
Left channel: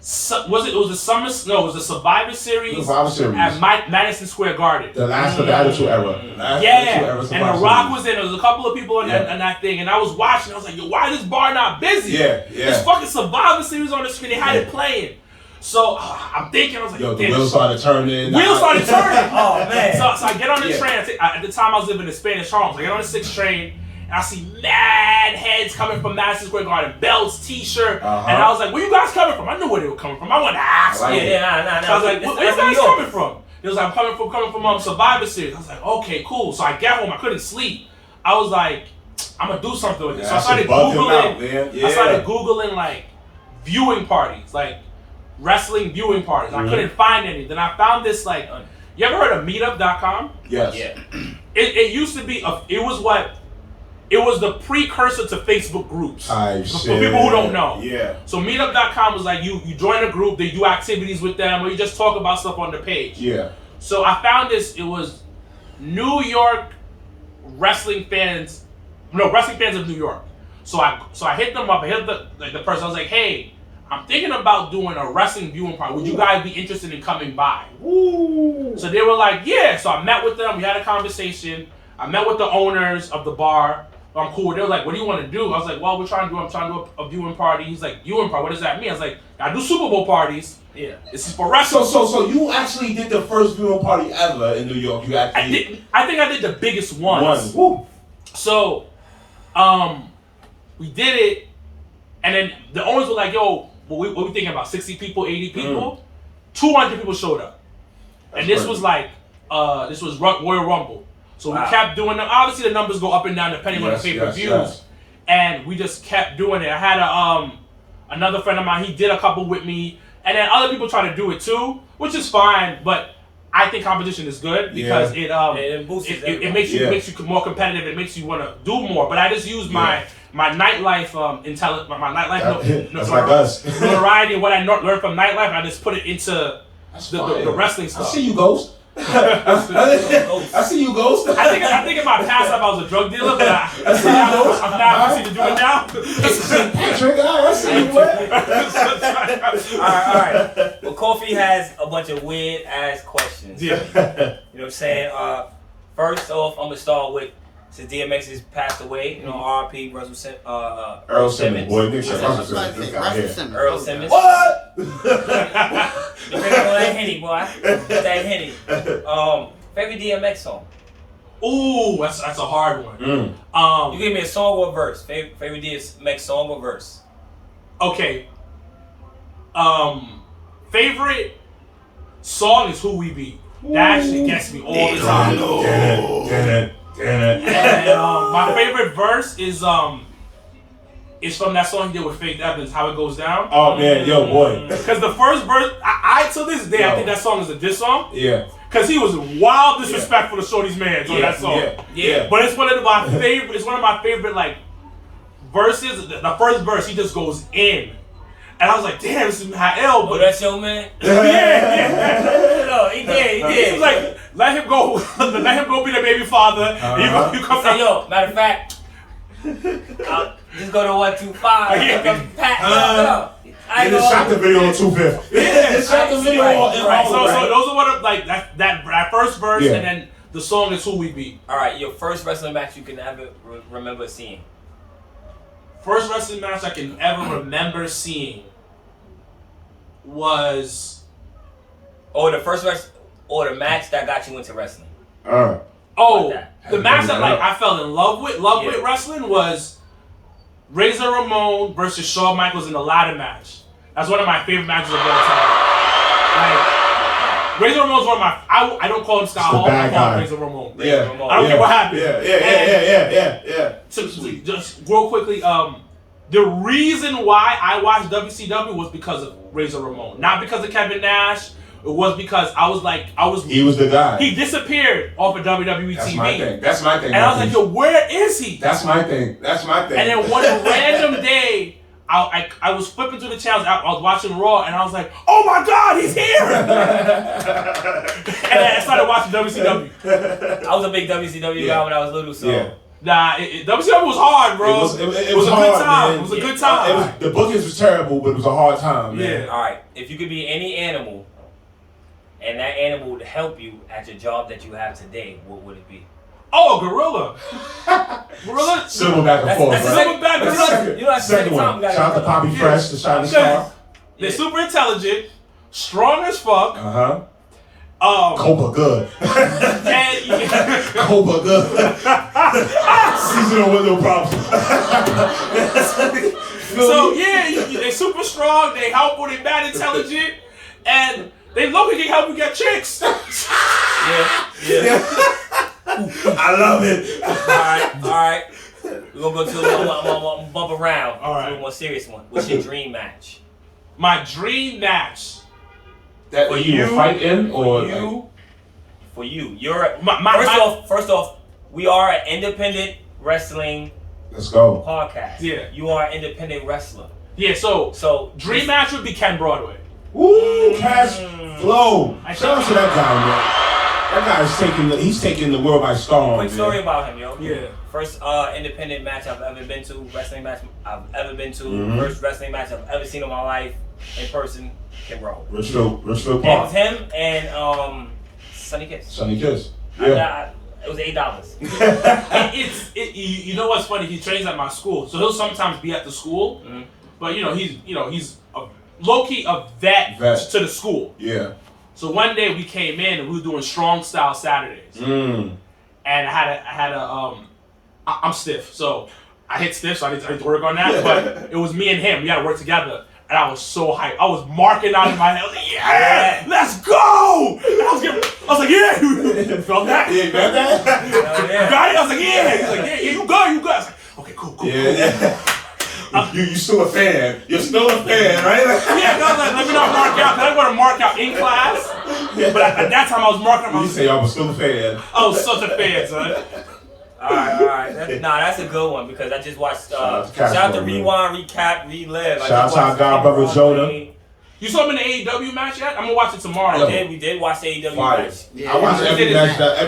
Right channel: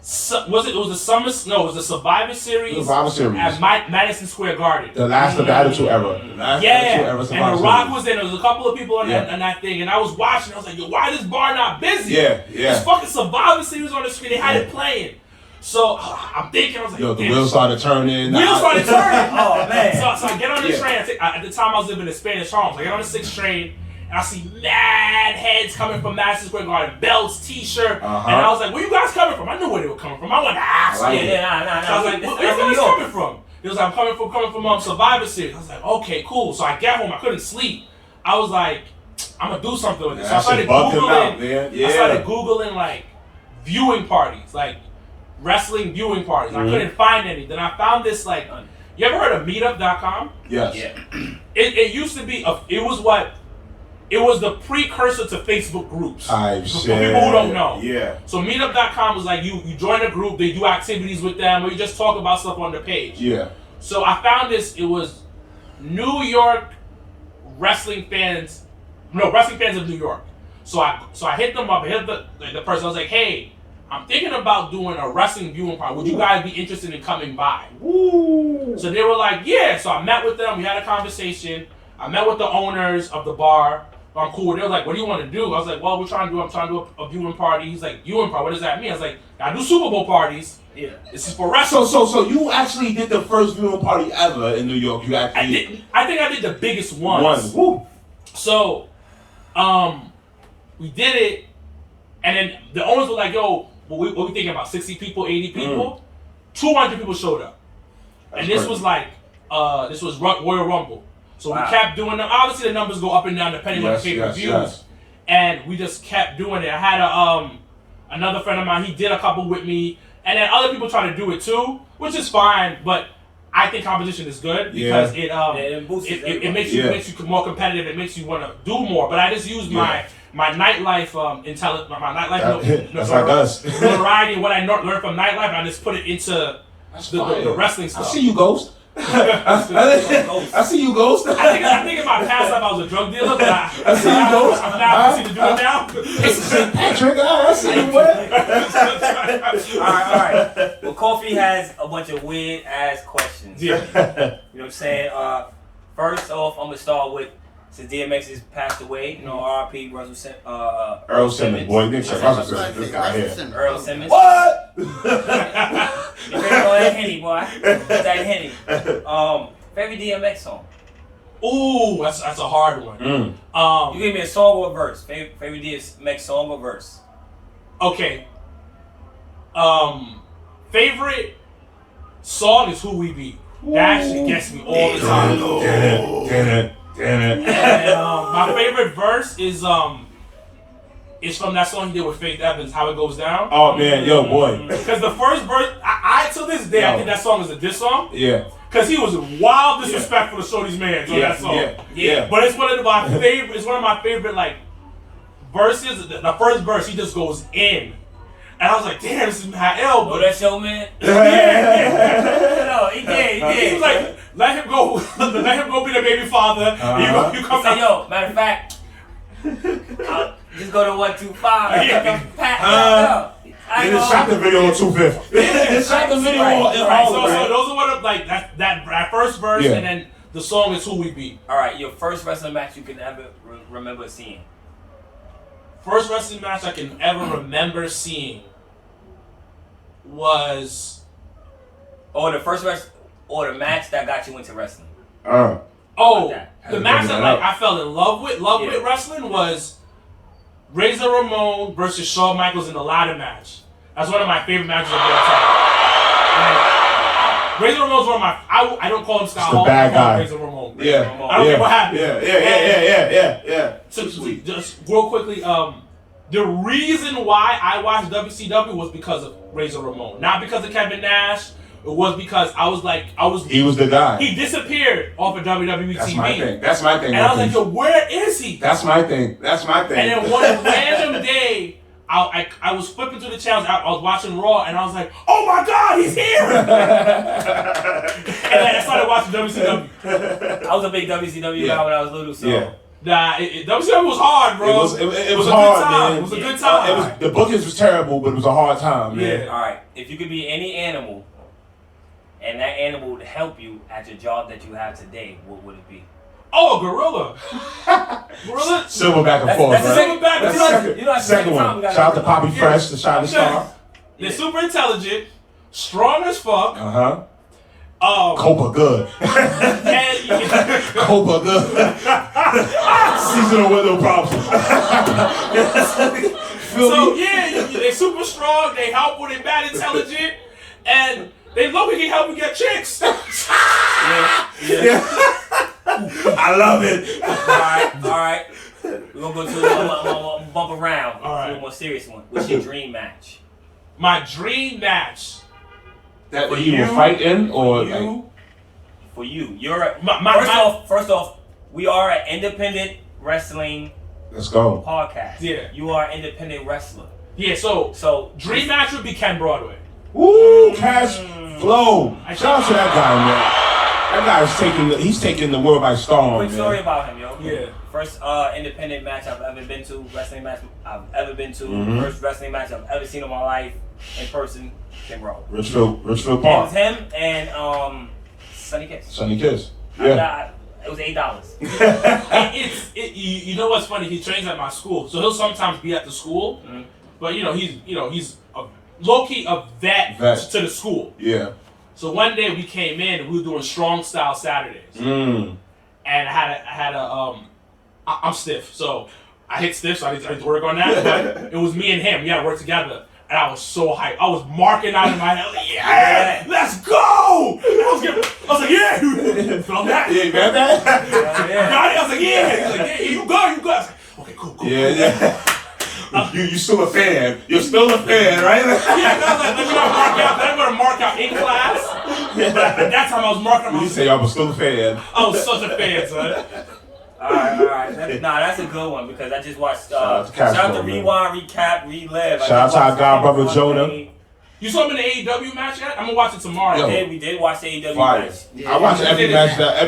the Summer? No, it was the Survivor Series. Survivor Series. At Madison Square Garden. The last of the Attitude Era. And The Rock was in. There was a couple of people on that thing, and I was watching. I was like, yo, why is this bar not busy? Yeah. This fucking Survivor Series on the screen. They had it playing. So I'm thinking, I was like, Yo, the damn, wheels started turning. Wheels started turning. Oh man. So I get on the train. At the time I was living in Spanish Harlem. I get on the 6th train. And I see mad heads coming from Madison Square Garden, belts, T-shirt, and I was like, "Where you guys coming from?" I knew where they were coming from. I wanted to ask. Nah. So I was like, "Where you guys coming from?" It was like, "I'm coming from Survivor Series." I was like, "Okay, cool." So I get home. I couldn't sleep. I was like, "I'm gonna do something with this." So I started googling. I started googling like viewing parties, like wrestling viewing parties. I couldn't find any. Then I found this like, you ever heard of Meetup.com? Yes. Yeah. It used to be it was the precursor to Facebook groups. For people who don't know. Yeah. So Meetup.com was like you join a group, they do activities with them, or you just talk about stuff on the page. Yeah. So I found this. It was wrestling fans of New York. So I hit them up. I hit the person. I was like, "Hey, I'm thinking about doing a wrestling viewing party. Would you guys be interested in coming by?" Woo. So they were like, "Yeah." So I met with them. We had a conversation. I met with the owners of the bar. I'm cool. They were like, "What do you want to do?" I was like, "Well, I'm trying to do a viewing party." He's like, "Viewing party? What does that mean?" I was like, "I do Super Bowl parties. Yeah. This is for wrestling." So you actually did the first viewing party ever in New York. You actually I think I did the biggest ones. Woo. So, we did it, and then the owners were like, "Yo, what we thinking about? 60 people, 80 people?" 200 people showed up, and this was like, this was Royal Rumble. So we kept doing them. Obviously, the numbers go up and down depending on the pay-per-views. Yes. And we just kept doing it. I had another friend of mine. He did a couple with me, and then other people try to do it too, which is fine. But I think competition is good because it boosts it makes you more competitive. It makes you want to do more. But I just use my nightlife notoriety and what I learned from nightlife. I just put it into the wrestling stuff. I see you, Ghost. I see you, Ghost. I think in my past life I was a drug dealer, but I see you, Ghost. I'm now proceeding to do it now. Patrick, I see you. All right. Well, Coffee has a bunch of weird ass questions. Yeah. You know what I'm saying? First off, I'm gonna start with, since DMX has passed away, you know, R.I.P. Earl Simmons. Boy, Nick Earl Simmons. What? You drinking all that Henny, boy. That Henny. Favorite DMX song? Ooh, that's a hard one. You give me a song or a verse. Favorite DMX song or verse? Okay. Favorite song is Who We Be. That actually gets me all the time. And my favorite verse is from that song he did with Faith Evans, How It Goes Down. Oh man, yo boy. Because the first verse, I to this day I think that song is a diss song. Yeah. Because he was wild disrespectful to Shorty's man on that song. Yeah. But it's one of my favorite. It's one of my favorite like verses. The first verse, he just goes in, and I was like, "Damn, this is Heelz." Oh, that's your man. No, he did. He was like, "Let him go. Let him go be the baby father." You come say, "Yo, matter of fact, I'll just go to 125. Yeah. I just shot the video on 250. Yeah, shot the video on. So those are one of like that first verse, and then the song is Who We Be. All right, your first wrestling match you can ever remember seeing. First wrestling match I can ever remember seeing was, or the match that got you into wrestling. The match that like I fell in love with wrestling was Razor Ramon versus Shawn Michaels in the ladder match. That's one of my favorite matches of all time. Like, Razor Ramon's one of my. I don't call him Scott Hall. I call him Razor Ramon. I don't care what happened. Yeah. Just real quickly, the reason why I watched WCW was because of Razor Ramon, not because of Kevin Nash. It was because he was the guy. He disappeared off of WWE TV. That's my thing. And I was like, yo, where is he? That's my thing. And then one random day, I was flipping through the channels. I was watching Raw, and I was like, oh my God, he's here! And I started watching WCW. I was a big WCW guy when I was little, so. Nah, WCW was hard, bro. It was hard, man. It was a good time. The bookings was terrible, but it was a hard time, man. Yeah. All right, if you could be any animal, and that animal would help you at your job that you have today, what would it be? Oh, a gorilla. Gorilla? Silverback and forth, That's right? Silverback. Second one. Shout out to Poppy Fresh, the Shiny Star. They're super intelligent. strong as fuck. Copa good. And Copa good. Seasonal window problem. so yeah, they super strong. They help when they bad intelligent, and they low key help you get chicks. Yeah. I love it. All right. We're gonna go to a bump around. All right. To a more serious one. What's your dream match? My dream match. That For you will fight in, or For you. You're My- first off, we are an independent wrestling let's go. podcast. Yeah. You are an independent wrestler. Yeah, so So dream match would be Ken Broadway. Woo, cash flow. Shout out to that guy, man. That guy's taking the world by storm. Quick man. story about him, yo. Yeah. First independent match I've ever been to, wrestling match I've ever been to, first wrestling match I've ever seen in my life in person, Ken Broadway. Richfield It was Park. him and Sunny Kiss. Sunny Kiss. Yeah. It was $8. You know what's funny? He trains at my school, so he'll sometimes be at the school, but he's low key a vet to the school. Yeah. So one day we came in and we were doing strong style Saturdays, and I'm stiff, so I hit stiff, so I need to work on that. But it was me and him. We had to work together. And I was so hyped. I was marking out in my head. I was like, yeah, let's go! And I was like, yeah, you felt that? Yeah, you felt that? You got it? I was like, yeah. He's like, yeah, you got it. I was like, okay, cool. Yeah. You still a fan. You're still a fan, right? Yeah, I was like, let me not mark out. I didn't want to mark out in class. But at that time, I was marking out. You say I was still a fan. I was such a fan, son. All right. That's a good one because I just watched. Shout out to Rewind, Recap, Relive. Shout out to our god brother Jonah. You saw him in the AEW match yet? I'm gonna watch it tomorrow. We did watch the AEW match. I watched every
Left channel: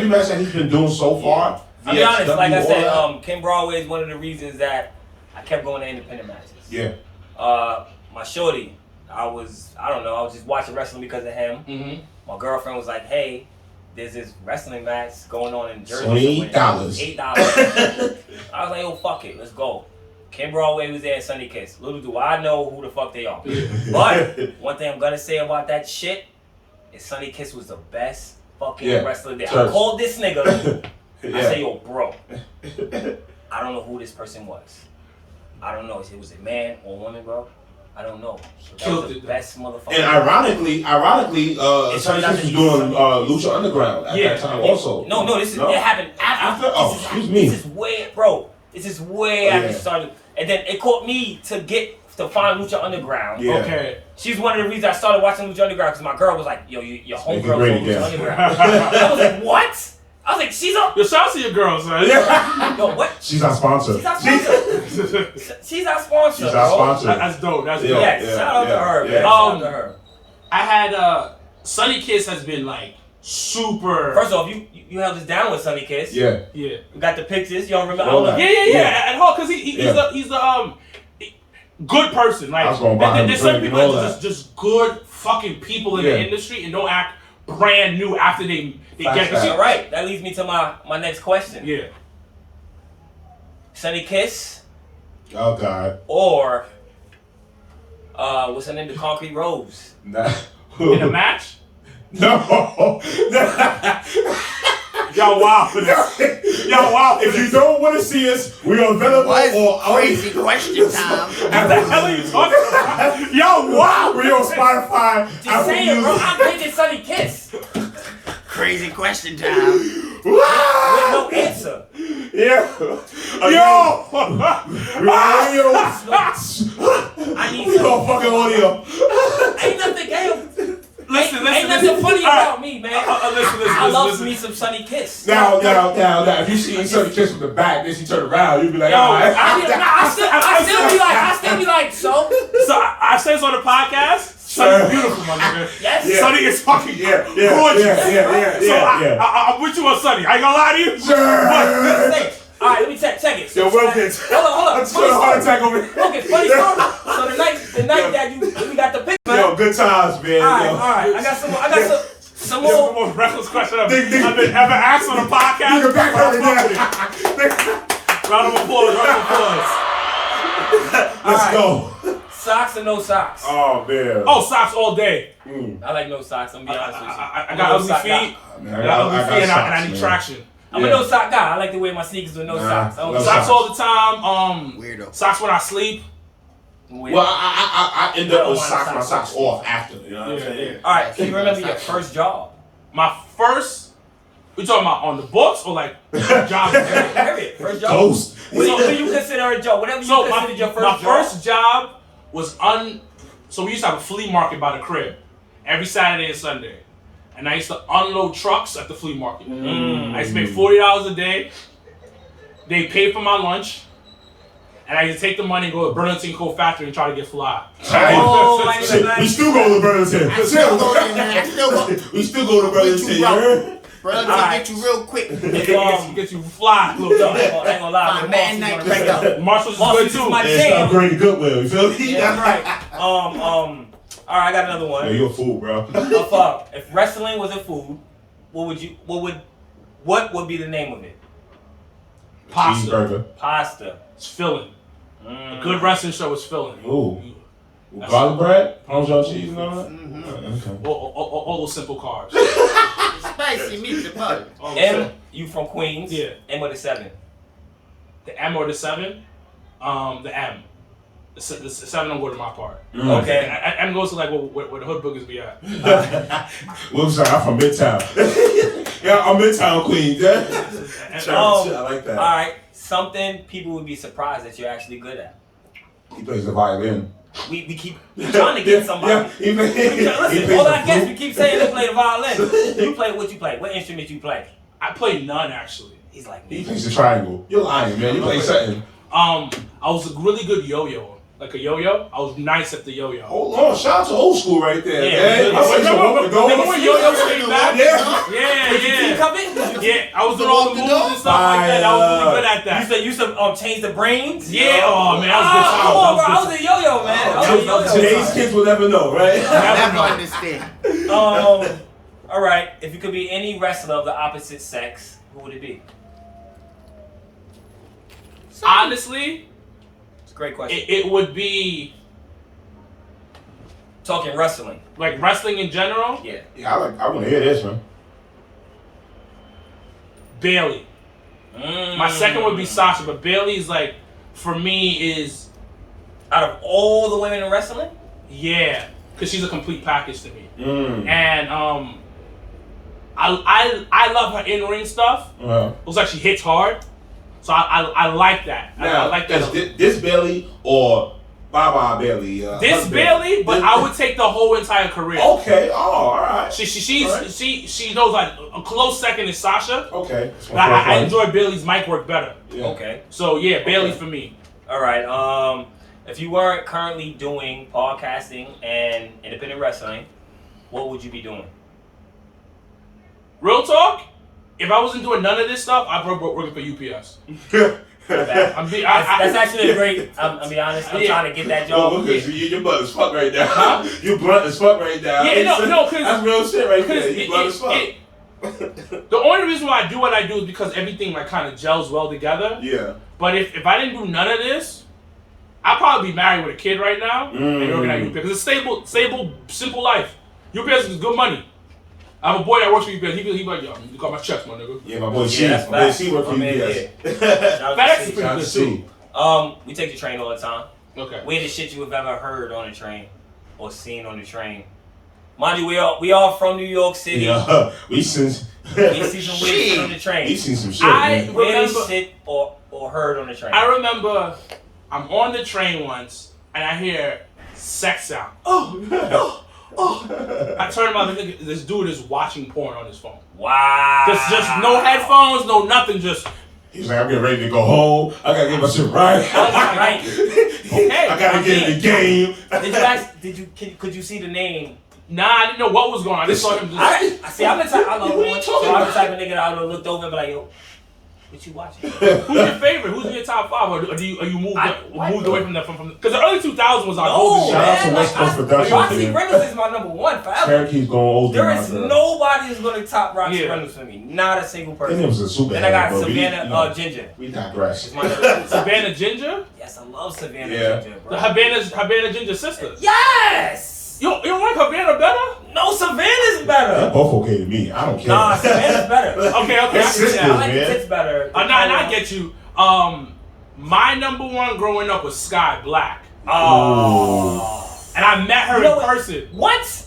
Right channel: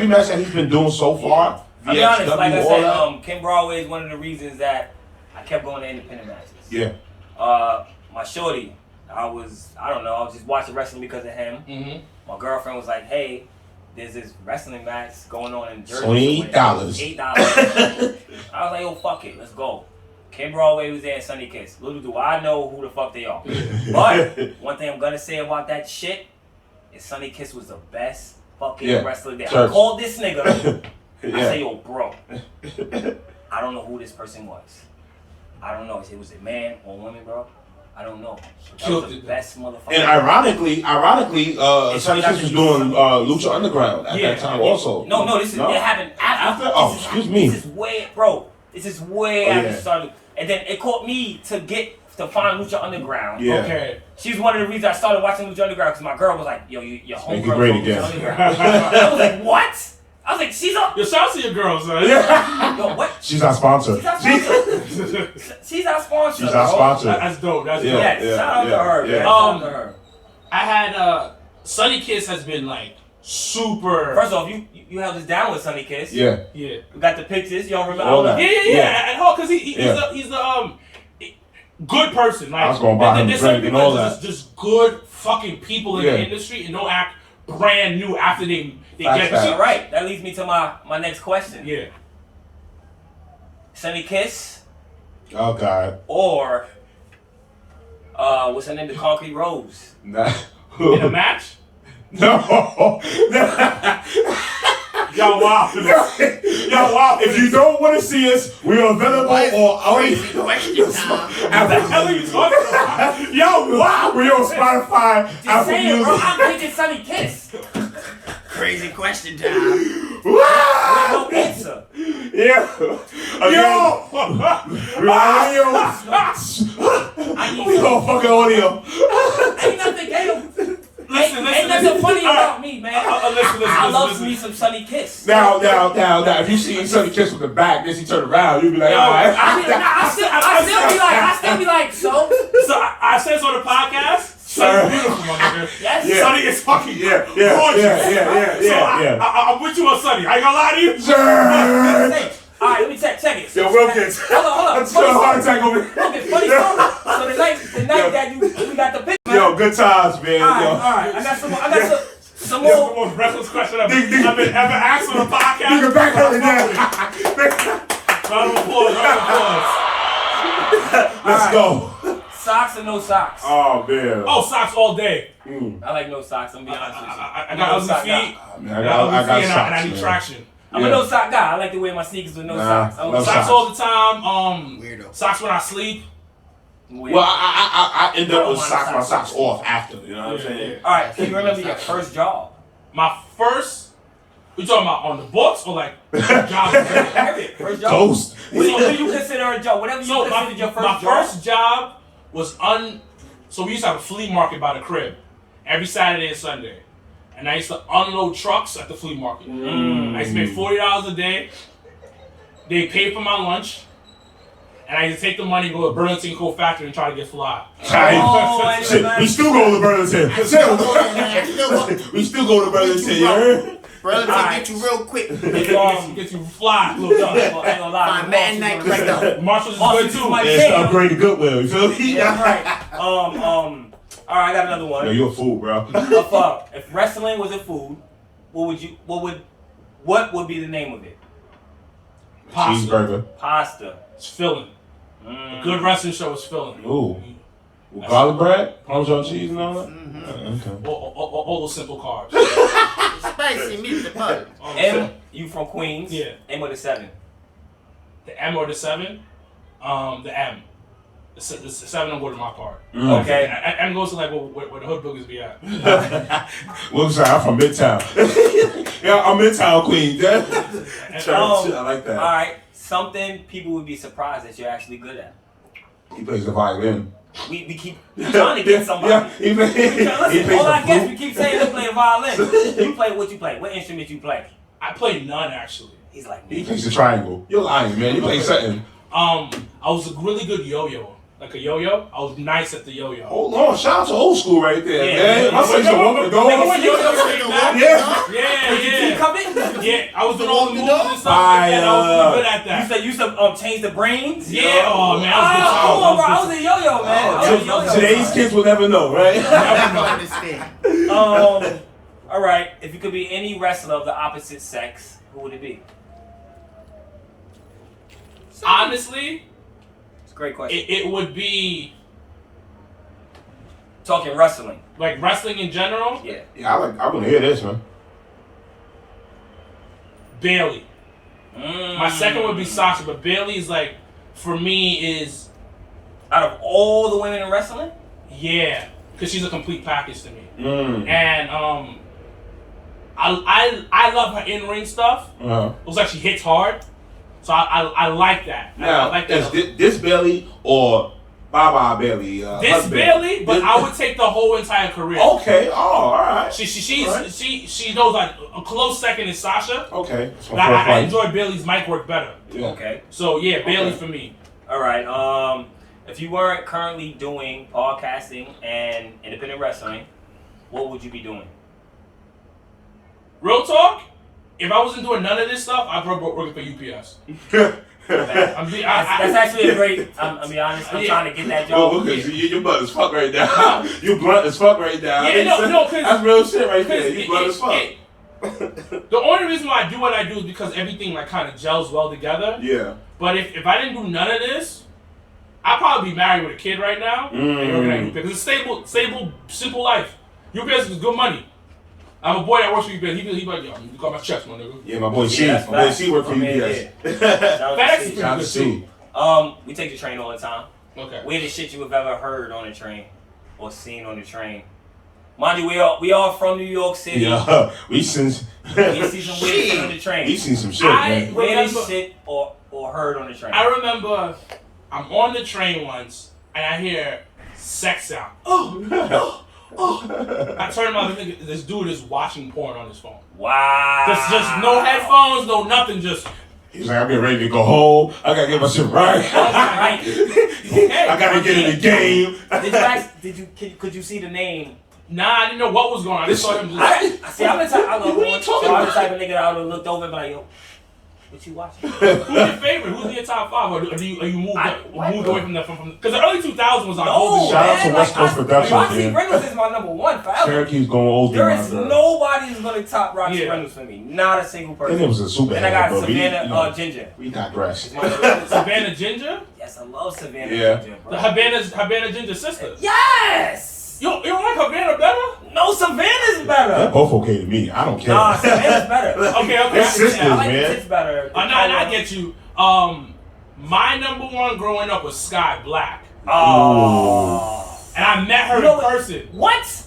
match that he's been doing so far. I'll be honest, like I said, Ken Broadway is one of the reasons that I kept going to independent matches. Yeah. My shorty, I was just watching wrestling because of him. My girlfriend was like, hey, there's this wrestling match going on in Jersey. $8. $8. I was like, yo, fuck it, let's go. Ken Broadway was there and Sunny Kiss. Little do I know who the fuck they are. But one thing I'm gonna say about that shit is Sunny Kiss was the best fucking wrestler there. I called this nigga. I say, yo, bro, I don't know who this person was. I don't know. Was it a man or woman, bro? I don't know. But that was the best motherfucker. And ironically, Sunny Kiss was doing Lucha Underground at that time also. No, it happened after. Oh, excuse me. This is way, bro. This is way after it started. And then it caught me to find Lucha Underground. Yeah. Okay. She's one of the reasons I started watching Lucha Underground because my girl was like, yo, your homegirl's on Lucha Underground. I was like, what? I was like, she's up. Yo, shout out to your girls, man. Yo, what? She's our sponsor. She's our sponsor. She's our sponsor. She's our sponsor. That's dope. That's dope. Yeah, shout out to her, man. Shout out to her. I had Sunny Kiss has been like super. First off, you held us down with Sunny Kiss. Yeah. Yeah. We got the pictures. Y'all remember? Yeah. At home, because he's the good person. Like, I was going to buy him a there's some drink and people all that's that. just good fucking people in the industry and don't act brand new after they get it. All right, that leads me to my next question. Yeah. Sunny Kiss Oh God. or what's her name? The Concrete Rose. Nah. In a match? No. Y'all wild for this. Y'all wild for If you don't want to see us, we are available on Crazy question time. What the hell are you talking about? Yo, wow, we on Spotify. Just Apple say it, bro. Music. I'm picking Sunny Kiss Crazy question time. with no answer. Yeah. Yo! Audio. I need We gonna some. fucking audio. Ain't nothing. Listen, Ain't nothing funny about me, man. Listen. I love me some Sunny Kiss. Now, if you see Sunny Kiss from the back, then she turn around, you'll be like, all right. I still be like, so. So I said this on the podcast. Sunny's beautiful, my nigga. Yes. Yeah. Sunny is fucking Yeah. gorgeous. I'm with you on Sunny. I ain't gonna lie to you. Sure. All right, let me check it. Yo, Wilkins. Hold on. Let's do a heart attack over here. Wilkins, funny story. So the night that we got the picture, man. Yo, good times, man. All right. I got some more. That's the most reckless question I've been asked on the podcast. You can back up again. Round of applause. Let's go. Socks or no socks? Oh man. Oh, socks all day. I like no socks. I'm gonna be honest with you. I got ugly feet. Man, I got ugly feet, and socks, I need man. traction. I'm a no sock guy. I like to wear my sneakers with no socks. I don't no wear Socks socks. all the time. Weirdo. Socks when I sleep. Weird. Well, I end I up don't with want socks, my socks. socks off after. You know what I'm saying? All right. Can you remember your first job? My first. We talking about on the books or like job? Period. First job. Ghost. What do you consider a job? Whatever you So considered your first my job. first job was So we used to have a flea market by the crib every Saturday and Sunday, and I used to unload trucks at the flea market. I used to pay $40 a day. They paid for my lunch, and I used to take the money and go to Burlington Coat Factory and try to get fly. Oh, I Shit, we still go to Burlington. We still go to Burlington. You heard? Brother, Alright. get you real quick. Get you fly, little I ain't dog. gonna lie. Find man night stuff. Marshall's is Marshall's good is too. my- Yeah, Damn. upgrade to Goodwill. You feel me? Yeah, that's right. All right, I got another Yo, one. you a fool, bro. If wrestling was a food, what would be the name of it? Pasta. Cheeseburger. Pasta. It's filling. A good wrestling show is filling. Ooh. Garlic bread, Parmesan cheese, and all that. Okay. All those simple carbs. Spicy meat the butter. All those M, you from Queens? Yeah. M with a 7. The M or the 7? The M. The 7 don't go to my part. Okay. M goes to like where the hood boogers be at. Wilkins, I'm from Midtown. Yeah, I'm Midtown Queens. Yeah. I like that. All right. Something people would be surprised that you're actually good at. He plays the violin. We keep trying to get somebody. Yeah, he Listen, all I guess we keep saying they play the violin. You play what you play. What instrument you play? I play none actually. He's like He me. plays the triangle. You're lying, man. You play something. I was a really good yo-yo. Like a yo-yo. I was nice at the yo-yo. Hold on, shout out to old school right there, Yeah. man. I play the one with the Remember door. when yo-yo came back? Yeah. Yeah, You yeah. come in. Yeah, I was doing all the moves Walk the and stuff like that. I was really good at that. You said change the brains. Yeah, oh man, Come I on, bro. I was was a yo-yo, man. I was a yo-yo. Today's kids will never know, right? I don't understand. All right. If you could be any wrestler of the opposite sex, who would it be? honestly, It's a great question. it would be Talking wrestling. like wrestling in general. Yeah. Yeah, I want to hear this, man. Bailey. My second would be Sasha, but Bailey's like, for me, is Out of all the women in wrestling? yeah, because she's a complete package to me. Mm. And I love her in ring stuff. Uh-huh. Looks like she hits hard, so I like that. I Now, like that. this Bailey or Baba Bailey? This husband? Bailey, but This- I would take the whole entire career. Okay. Oh, all right. She knows like a close second is Sasha. Okay. That's But my first I one. enjoy Bailey's mic work better. Yeah. Okay. So yeah, Bailey for me. All right. If you weren't currently doing podcasting and independent wrestling, what would you be doing? Real talk, if I wasn't doing none of this stuff, I'd probably working for UPS. That's actually a great. I'm be honest. I'm Yeah. trying to get that Well, job. because you blunt as fuck right now. You blunt as fuck right now. Yeah, no, 'cause- that's real shit right there. Because You blunt as fuck. the only reason why I do what I do is because everything like kind of gels well together. Yeah. But if I didn't do none of this, I'd probably be married with a kid right now and working at UPS. Because it's stable, simple life. UPS is good money. I have a boy that works for UPS. He be like, yo, you got my checks, my nigga. Yeah, my boy C. that's My boy facts. C work for My man, UPS. Shout out to FedEx C. is pretty Shout out good to too. C. We take the train all the time. Okay. Weirdest shit you have ever heard on the train or seen on the train. Mind you, we all from New York City. Yeah, we seen We see some weird shit on the we train. seen some shit, I- man. Weirdest remember- shit or heard on the train. I remember I'm on the train once and I hear sex sound. Oh. I turn around and think this dude is watching porn on his phone. Wow. Just no headphones, no nothing, just He's like, I'm getting ready to go home. I gotta get my shit right. Right. okay. I gotta get in the game. Could you see the name? Nah, I didn't know what was going on. I just saw him just I see. I'm the type. I love What are you porn. talking So I'm the about? type of nigga that I would have looked over and be like, yo. What you watching? Who's your favorite? Who's in your top 5? Or do you moved away from that? Because the early 2000s was our golden Shout out to genre. West Coast Productions, Roxy man. Reynolds is my number 1 forever. Syracuse's going old. There is nobody who's gonna top Roxy Yeah. Reynolds for me. Not a single person. And it was a super. And I got but Savannah Ginger. We digress. It's my number 2. Savannah Ginger? Yes, I love Savannah Yeah. Ginger, The bro. Havana Ginger's sister. Yes! You don't like Havana better? No, Savannah's They're better. both okay to me. I don't care. Nah, Savannah's better. Okay. It's sisters, I like the man. tits better. And I get you. My number 1 growing up was Sky Black. Oh. And I met her You know in what? person. What?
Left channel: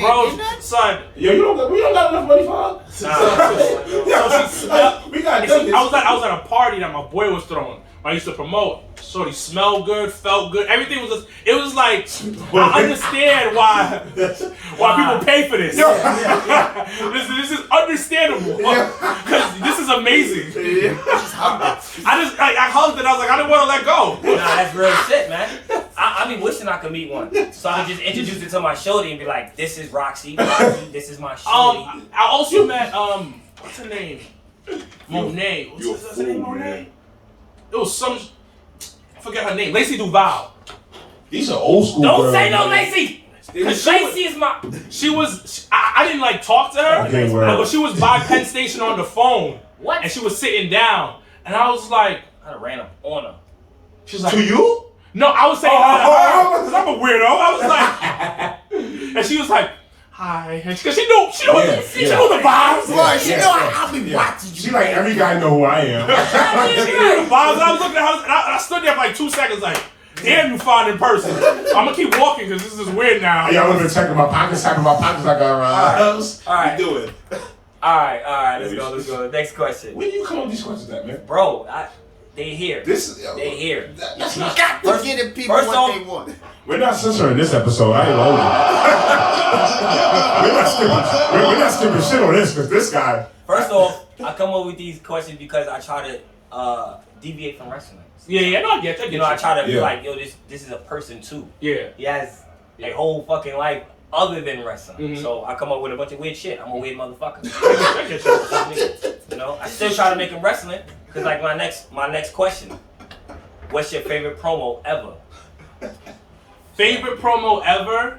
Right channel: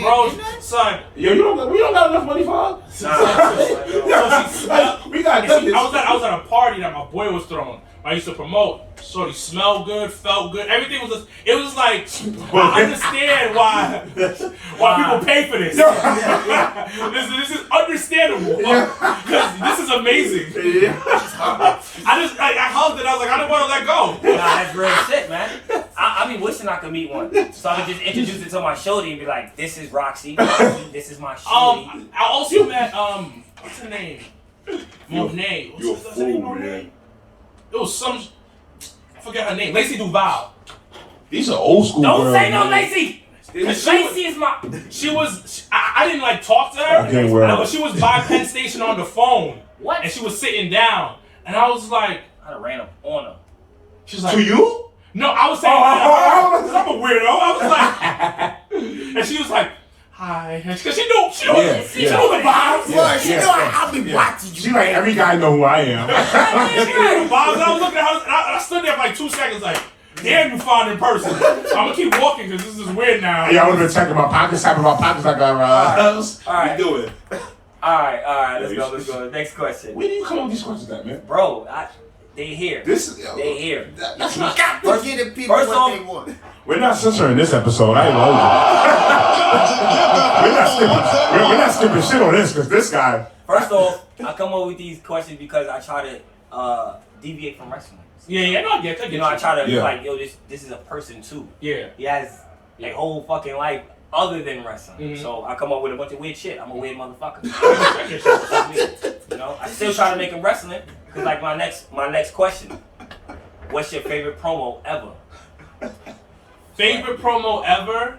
Bro, son. Yo, we don't got enough money for her. So she smelled. We got I was at a party that my boy was throwing. I used to promote. Shorty smelled good, felt good. Everything was just, it was like, I understand why people pay for this. This is understandable. Because this is amazing. I hugged it. I was like, I didn't want to let go. Nah, that's real shit, man. I be wishing I could meet one. So I could just introduce it to my shorty and be like, this is Roxy. This is my shorty. I also met, what's her name? Monet. You're a What's her fool, name? man. It was some, I forget her name. Lacey Duval. These are old school Don't girls, say no, man. Lacey. Because She was- Lacey is my. She was, I didn't like talk to her, Okay, well. but she was by Penn Station on the phone. What? And she was sitting down. And I was like, I done ran up on her. she was like, To you? no, I was saying hi to her, because I'm a weirdo. I was like, and she was like, hi. Because she knew the vibes. Boy, she know I'll be watching you. She like, every guy know who I am. She knew the vibes. I was looking at her, and I stood there for like 2 seconds like, damn, you fine in person. I'm going to keep walking because this is weird now. Yeah, I would have been checking my pockets, tapping my pockets like I All right. You doing? All right. Let's go. Next question. Where do you come up with these questions at, man? Bro, they here. They here. That's not. Got to get the people first what off- they want. We're not censoring this episode. I ain't lying. We're not skipping shit on this because this guy. First off, I come up with these questions because I try to deviate from wrestling. Yeah, no, I get that. You know, I try to be Yeah. like, yo, this is a person too. Yeah. He has a whole fucking life other than wrestling. Mhm. So I come up with a bunch of weird shit. I'm a weird motherfucker. I get you. You know, I still try to make him wrestling because like my next question, what's your favorite promo ever? Favorite promo ever?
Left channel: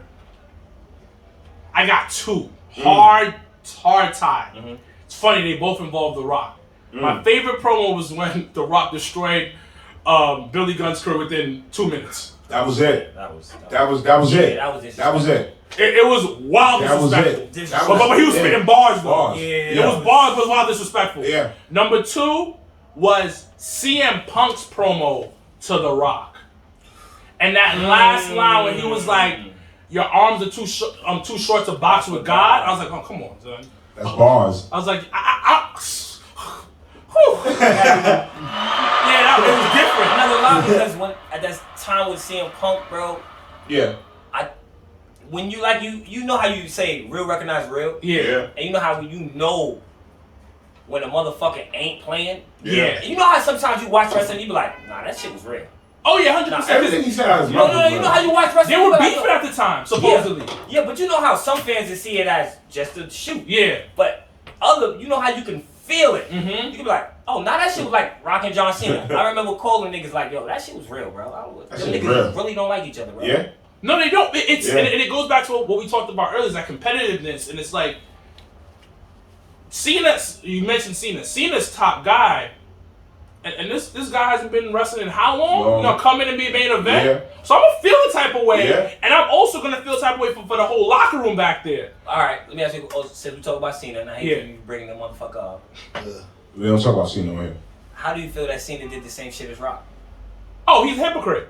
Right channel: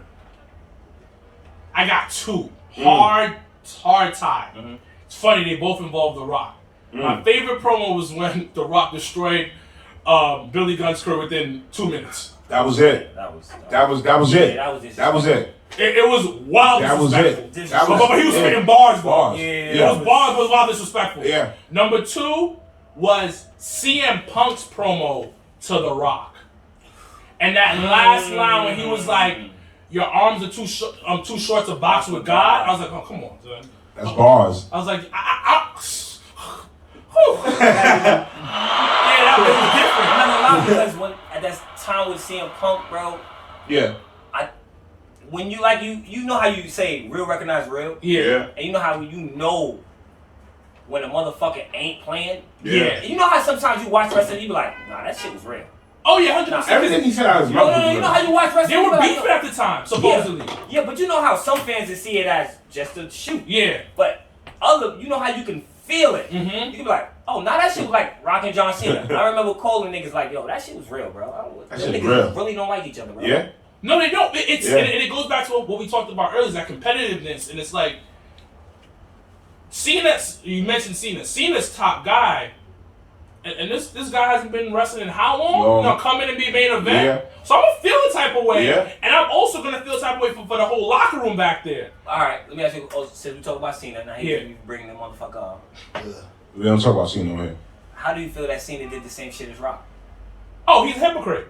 I got 2. Hard tie. Mhm. It's funny, they both involve The Rock. My favorite promo was when The Rock destroyed Billy Gunn's career within 2 minutes. That was it. That was it. Yeah, That was it. that was it. It was wild That was disrespectful. it. That But he was it. spitting bars, though. Bars. Yeah. It was bars, but wild disrespectful. Yeah. Number 2 was CM Punk's promo to The Rock. And that last line when he was like, your arms are too short to box with God. I was like, oh, come on, son. That's bars. I was like, whew. Yeah, that was different. I'm not gonna lie because when at that time with CM Punk, bro, Yeah. when you like you know how you say real recognize real, Yeah. and you know how you know when a motherfucker ain't playing. Yeah. And you know how sometimes you watch wrestling, you be like, nah, that shit was real. Oh, yeah, 100%. Everything he said out of his No, mouth. you know how you watch wrestling. They you were be like, beefing yo, at the time, supposedly. Yeah, but you know how some fans just see it as just a shoot. Yeah. But you know how you can feel it. Mhm. You can be like, oh, now that shit was like Rock John Cena. I remember calling niggas like, yo, that shit was real, bro. That Them shit niggas real. really don't like each other, bro. Yeah. No, they don't. It's Yeah. and it goes back to what we talked about earlier, is that competitiveness. And it's like, Cena, you mentioned Cena. Cena's top guy. And this guy hasn't been wrestling in how long? Long. You know, come in and be a main event. Yeah. So I'm gonna feel the type of way, Yeah. and I'm also gonna feel the type of way for the whole locker room back there. All right, let me ask you. Since we talk about Cena, now Yeah. you bring the motherfucker up. We don't talk about Cena on here. How do you feel that Cena did the same shit as Rock? Oh, he's a hypocrite.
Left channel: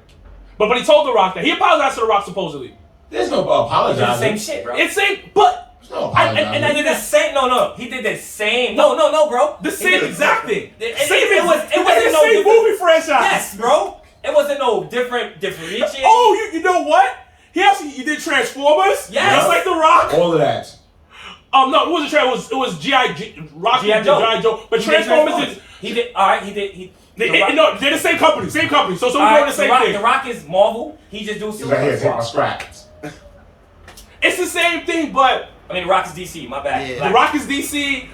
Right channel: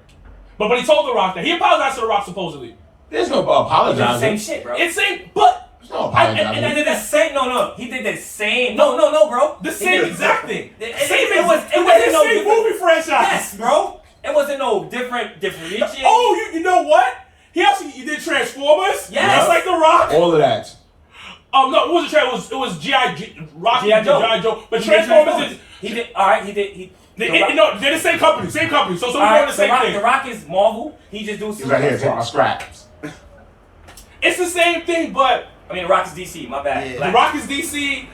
But he told The Rock that he apologized to The Rock supposedly. There's no He did the apologizing. same shit, bro. It's same, but There's no I apologizing. He did the same. No. He did the same. No, bro. the He same did- exact thing. It It wasn't the no same different. movie franchise. Yes, bro. It wasn't no different. Oh, you know what? He did Transformers. Yes. Just like The Rock. All of that. No, it wasn't Transformers. It was Rocky G.I. Joe. G.I. Joe. But He did Transformers is. He did. All right. He did. No, they're the same company. So we're doing the same thing. The Rock is Marvel. He just do He's right here talking scrap. It's the same thing, but I mean, The Rock is DC. My bad. Yeah. The Rock is DC.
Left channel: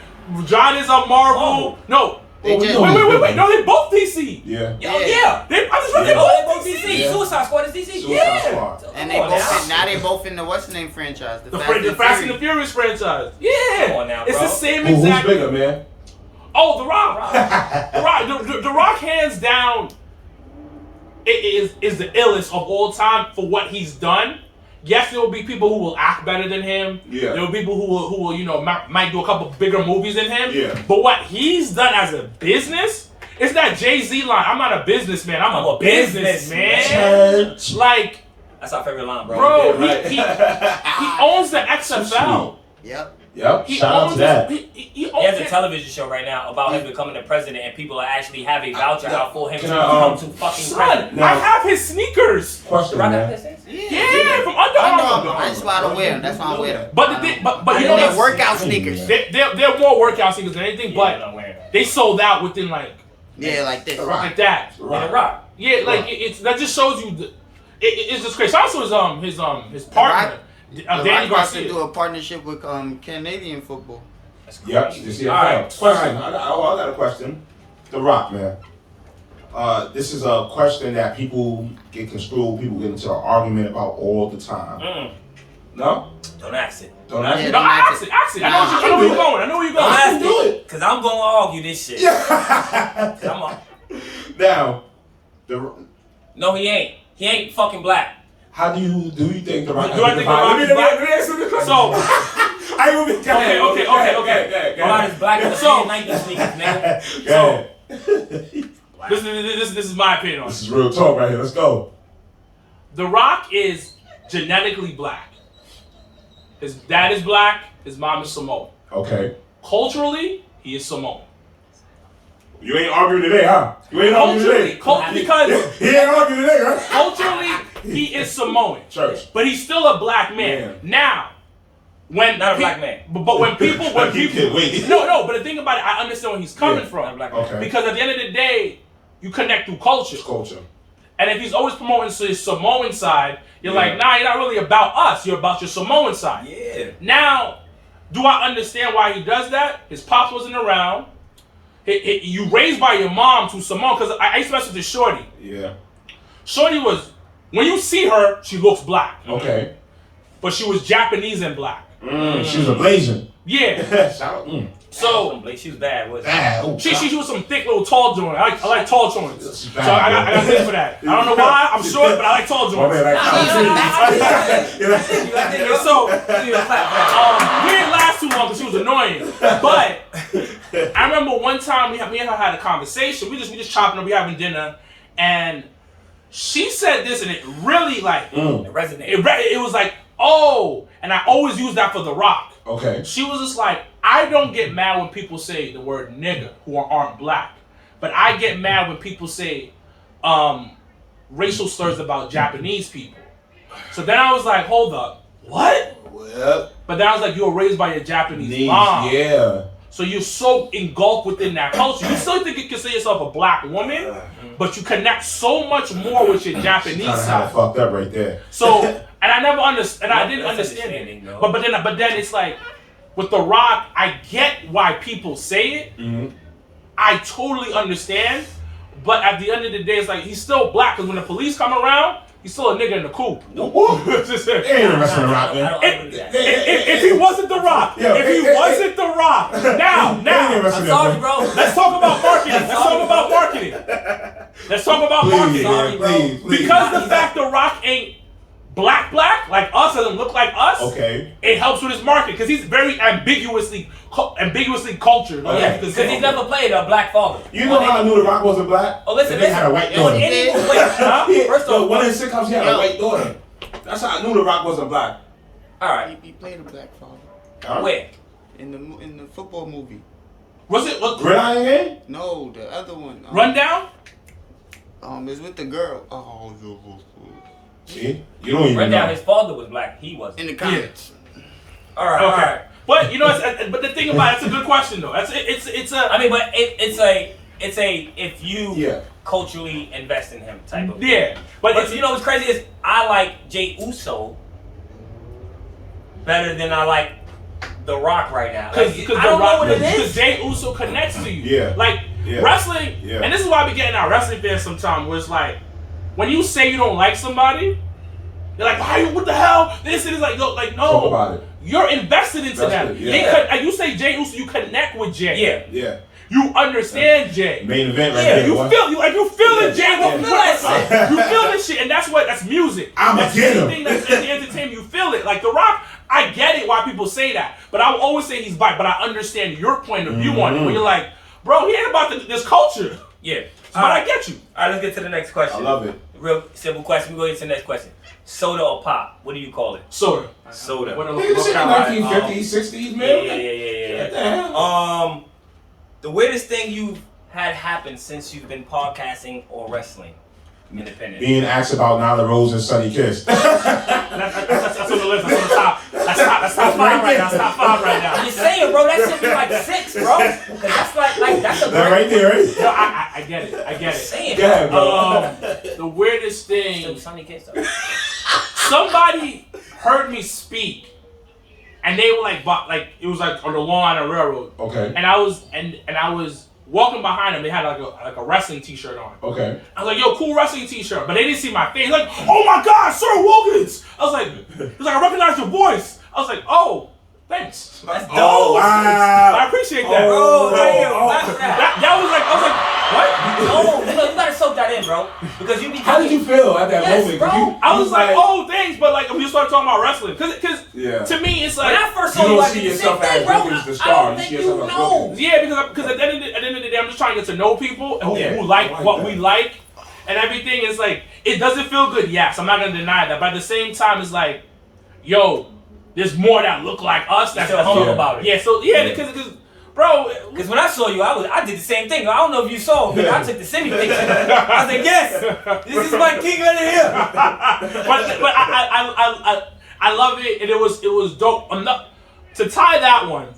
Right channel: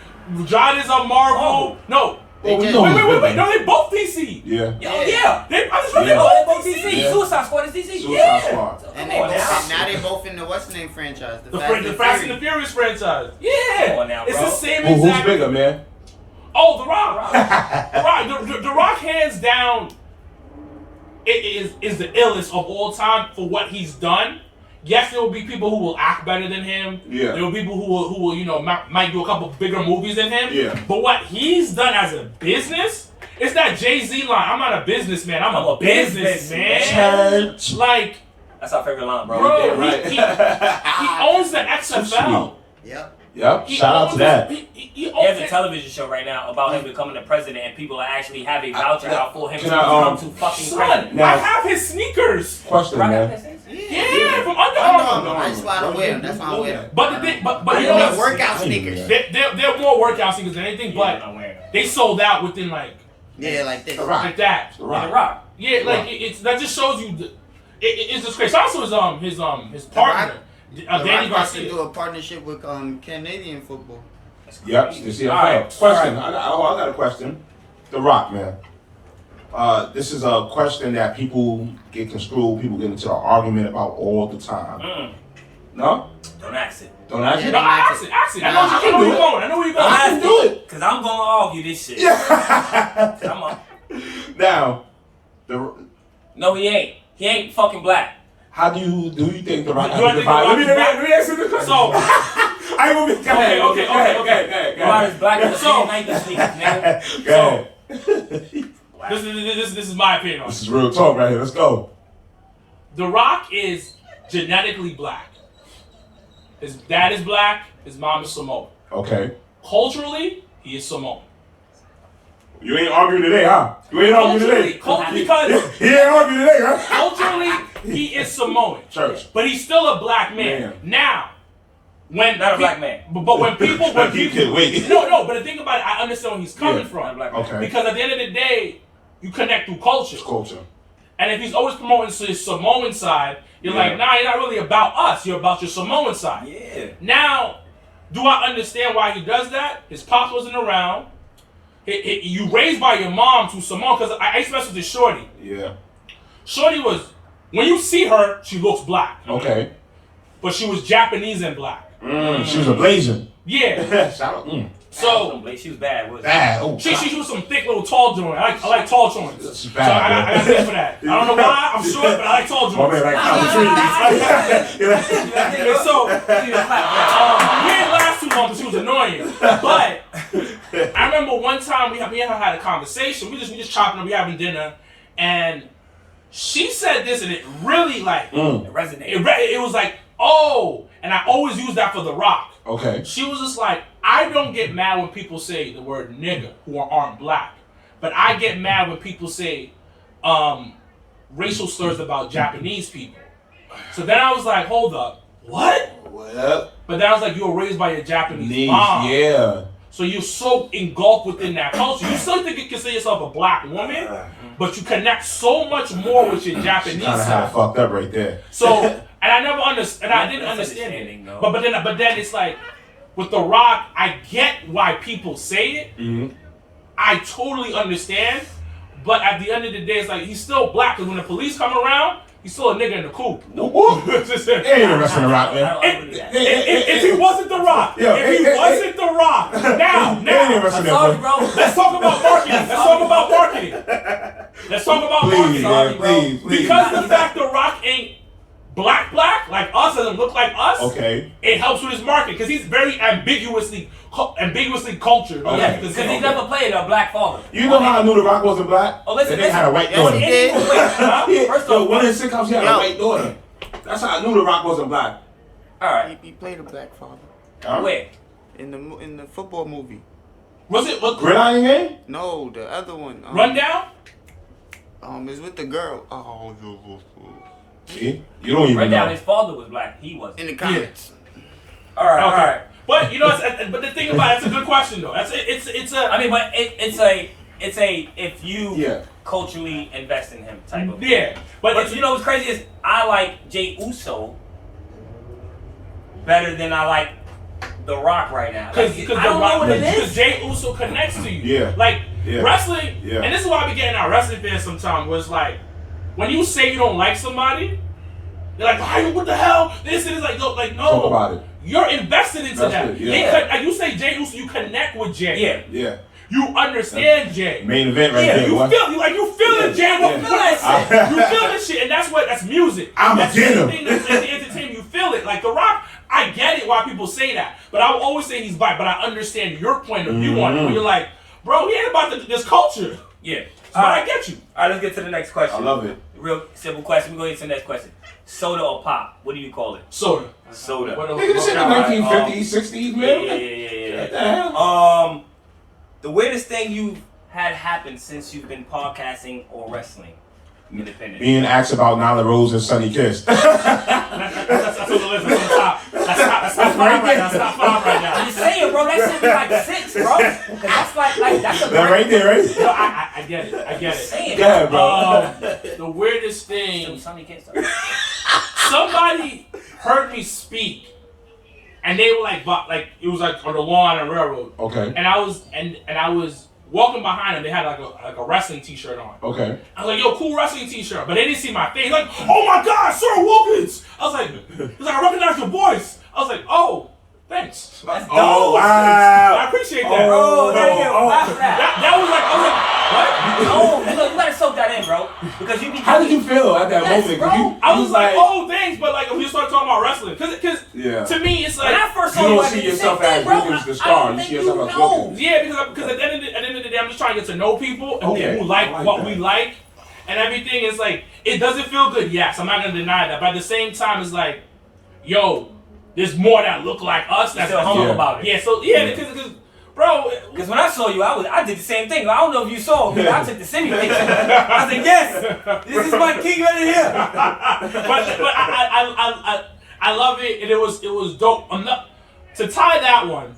John is a Marvel. Marvel. No, They we just- know he's Wait. bigger. No, they both DC. Yeah. Yeah. They They both DC. DC. Yeah. Suicide Squad is DC. Suicide Yeah. Squad. So, And come they on both now. now they both in the what's the name franchise? The Fast and the Furious franchise. Yeah. Come on now, It's the bro. same Who's exact. bigger, man? Oh, The Rock. The Rock, hands down, is the illest of all time for what he's done. Yes, there will be people who will act better than him. Yeah. There will be people who will might do a couple bigger movies than him. Yeah. But what he's done as a business, it's that Jay-Z line. I'm not a businessman. I'm a businessman. businessman. Like, That's our favorite line, bro. bro, Yeah, right. he owns the XFL. Yep. Yep. He Shout out owns to that. He He has owns a it. television show right now about him becoming the president, and people actually have a voucher out for him to Can I, become to fucking Son, president. Now- I have his sneakers. Question, Rock man. out this? Yeah, from Under I know Armour. them. I just why I don't wear them. That's why I don't wear them. But the thing, but I you know know they're what? workout sneakers. They're more workout sneakers than anything. Yeah, I'm But not wearing them. they sold out within like Yeah, like this. like that. Yeah, the Rock. Yeah, like it's that just shows you it's just crazy. Also, his partner, The Danny Rock wants to Garcia. do a partnership with Canadian football. That's Yep. crazy. You see, All right. question. I got a question. The Rock, man. This is a question that people get construed. People get into an argument about all the time. No? Don't ask it. Don't ask Yeah, me. No, don't ask it. actually, I know where you're going. I know where you're Don't going. ask do it. it. Because I'm going to argue this shit. 'Cause I'm a, Now, no, he ain't. He ain't fucking black. how do you think the Rock? Do I think The Rock is black? Let me ask you the question. So, I ain't gonna be. Okay. What about his black and the So- same Nike sneakers, nigga? Go ahead. this is my opinion on This it. is real talk right here. Let's go. The Rock is genetically black. His dad is black. His mom is Samoan. Okay. Culturally, he is Samoan. You ain't arguing today, huh? You ain't arguing today. Because He ain't arguing today, huh? culturally, he is Samoan. Church. But he's still a black man. Yeah. Now, when Not a black man. But when people Wait. no, but the thing about it, I understand where he's coming Yeah. from. Not a black man. Okay. Because at the end of the day, you connect through culture. Culture. And if he's always promoting his Samoan side, you're Yeah. like, nah, you're not really about us. You're about your Samoan side. Yeah. Now, do I understand why he does that? His pops wasn't around. You raised by your mom to Samoan, because I used to mess with this shorty. Yeah. Shorty was, when you see her, she looks black. Okay. But she was Japanese and black. She's a Blasian. Yeah. Shout out. So, She was bad, wasn't Bad. Oh, she was some thick little tall joint. I like tall joints. She's So bad, I got things for that. I don't know why. I'm short, but I like tall My joints. man, like, And so, we didn't last too long because she was annoying. But I remember one time me and her had a conversation. We just chopping up, we having dinner, and she said this, and it really like It resonated. it was like, oh, and I always use that for The Rock. Okay. She was just like, I don't get mad when people say the word nigga who aren't black, but I get mad when people say racial slurs about Japanese people. So then I was like, hold up, what? Well, But then I was like, you were raised by a Japanese knees, mom. yeah. So you're so engulfed within that culture. You still think you consider yourself a black woman, but you connect so much more with your Japanese Kind of had it side. fucked up right there. So, and I never understood, and I didn't That's understand understanding, it. though. But then it's like, with The Rock, I get why people say it. Mm-hmm. I totally understand. But at the end of the day, it's like, he's still black, because when the police come around, he's still a nigga in the coop. Just Ain't no rest in the Rock, I man. don't agree with that. If he wasn't The Rock, Yo, if he wasn't The Rock, now, Ain't no rest I'm in there, sorry, boy. bro. let's talk about marketing. Let's talk about marketing. Let's talk about Please, marketing. Sorry, man, bro. please, please. Because the fact The Rock ain't black, like us, doesn't look like us, Okay. it helps with his market, because he's very ambiguously cultured. Okay. Because he's never played a black father. You know how I knew The Rock wasn't black? Oh, listen, And they had a white Yes, daughter. he did. First Yo, off, one of his sitcoms, he had a Yo. white daughter. That's how I knew The Rock wasn't black. all right, He played a black father Huh? where? in the football movie. Was it Gridiron Game? No, the other one. Rundown? It's with the girl. See? You don't even Rundown, know. his father was black. He wasn't. In the comments. All right, all Okay. right. But you know, but the thing about it's a good question though. It's a I mean, but it's a if you Yeah. culturally invest in him type of. yeah. But But it's, you know what's crazy is I like Jey Uso better than I like The Rock right now. Like, because I don't know what it Because is. Jey Uso connects to you. Yeah. Like wrestling, and this is why I be getting our wrestling fans sometimes, where it's like, when you say you don't like somebody, they're like, why? What the hell? This is like, no, Talk about it. You're invested into them. Like you say Jay Uso, you connect with Jay. Yeah. You understand Jay. Main event right there. You feel the Jay. You feel that shit. You feel that shit, and that's music. That's the thing that's in the entertainment. You feel it. Like The Rock, I get it why people say that, but I will always say he's biased. But I understand your point of view on it. When you're like, bro, he ain't about this culture. Yeah. But I get you. All right, let's get to the next question. I love it. Real simple question. We go to the next question. Soda or pop? What do you call it? Soda. Soda. This in the 1950s, 60s, man. Yeah. What the hell? The weirdest thing you've had happen since you've been podcasting or wrestling? Independent. Being asked about Nyla Rose and Sonny Kiss. That's on the list. That's on the top. That's top 5 right now. That's top 5 right now. I'm just saying, bro. That should be like 6, bro. Because that's like that's a That right there, right? No, I get it. I get it. Saying, Yeah, bro. Still The weirdest thing. Sonny Kiss, though. Somebody heard me speak, and they were like it was like on the lawn on a railroad. Okay. And I was walking behind them. They had like a wrestling T-shirt on. Okay. I was like, "Yo, cool wrestling T-shirt," but they didn't see my face. Like, "Oh my God, Sir Wilkins!" I was like, "He's like, I recognize your voice." I was like, "Oh, thanks." That's dope. Oh, wow. I appreciate that. Bro, that was like, I was like, what? No, you gotta soak that in, bro. Because you be. How did you feel at that moment? Bro. I was like, oh, thanks, but like, if you start talking about wrestling, because to me, it's like, when I first saw you you, don't I see did the same yourself thing, as bro. Wilkins the I star. don't You think see you yourself as know. Wilkins. yeah, because at the end of the day, I'm just trying to get to know people who like I like what that. we like and everything. It's like, it doesn't feel good. Yes, I'm not gonna deny that, but at the same time, it's like, yo, there's more that look like us. That's still humble about it. Yeah, so because bro, Because when I saw you, I did the same thing. I don't know if you saw me. I took the city picture. I was like, yes, this is my king right here. but I love it, and it was dope. To tie that one.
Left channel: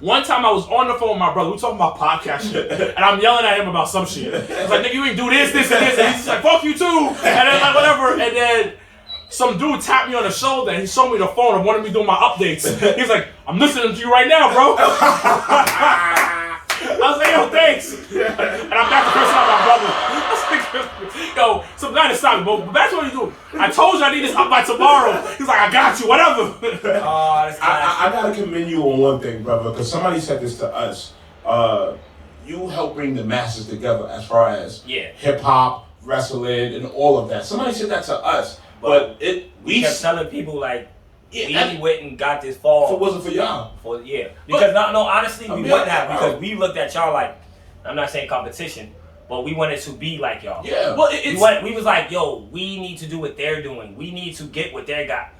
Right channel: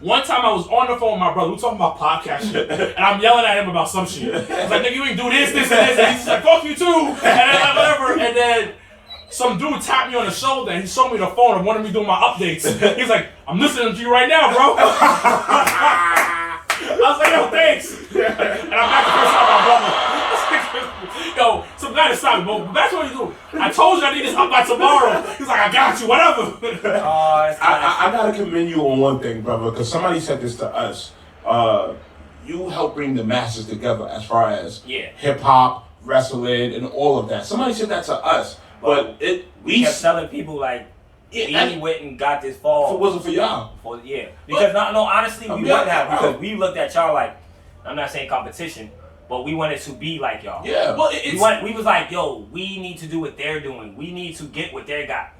One time I was on the phone with my brother. We talking about podcast shit, and I'm yelling at him about some shit. I was like, "Nigga, you ain't do this, and this," and he's just like, "Fuck you too," and then like, whatever. And then some dude tapped me on the shoulder, and he showed me the phone and wanted me doing my updates. He's like, "I'm listening to you right now, bro." I was like, "Yo, thanks," and I'm back to curse out my brother. Yo, some guy to stop me, but that's what he's doing. I told you I need this up by tomorrow. He's like, "I got you, whatever." Oh, that's I gotta commend you on one thing, brother, because somebody said this to us. You help bring the masses together as far as hip hop, wrestling, and all of that. Somebody said that to us, but we kept telling people like we went and got this fall. If it wasn't for y'all, because honestly, we wouldn't have because we looked at y'all like, I'm not saying competition, but we wanted to be like y'all. Yeah. Well, we was like, yo, we need to do what they're doing. We need to get what they got.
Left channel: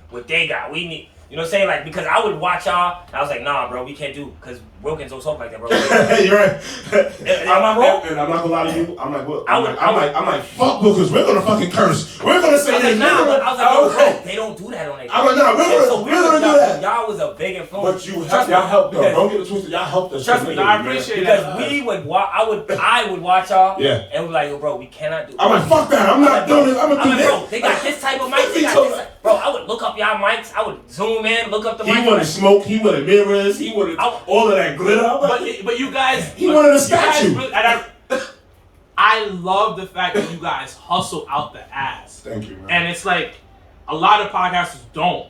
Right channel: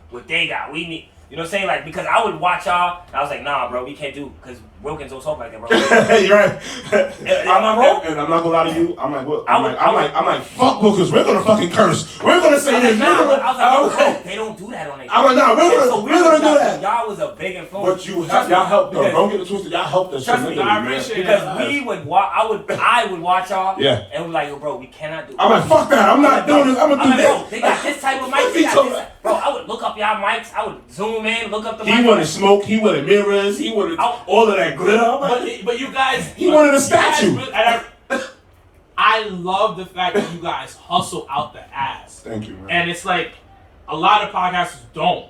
We need. You know what I'm saying? Like, because I would watch y'all, and I was like, nah, bro, we can't do, because Wilkins don't talk like that, bro. You're right. Am I wrong? And I'm not gonna lie to you. I'm like, what? I'm like, fuck Wilkins. We're gonna fucking curse. We're gonna say I was like, this. nah, but I was like, yo, bro, they don't do that on their I'm like, nah, we're gonna do that. Y'all was a big influence. But y'all helped though. Don't get it twisted. Y'all helped us. Trust me, I appreciate because that. we would watch. I would watch y'all. Yeah. And we're like, yo, bro, we cannot do. I'm like, fuck that. I'm not doing this. I'm gonna do bro, this. they got this type of mic. They got this. Bro, I would look up y'all mics. I would zoom in, look up the mic. He wanted smoke. He wanted mirrors. He wanted all of that glitter. But you guys, he wanted a statue. And I love the fact that you guys hustle out the ass. Thank you, man. And it's like a lot of podcasters don't.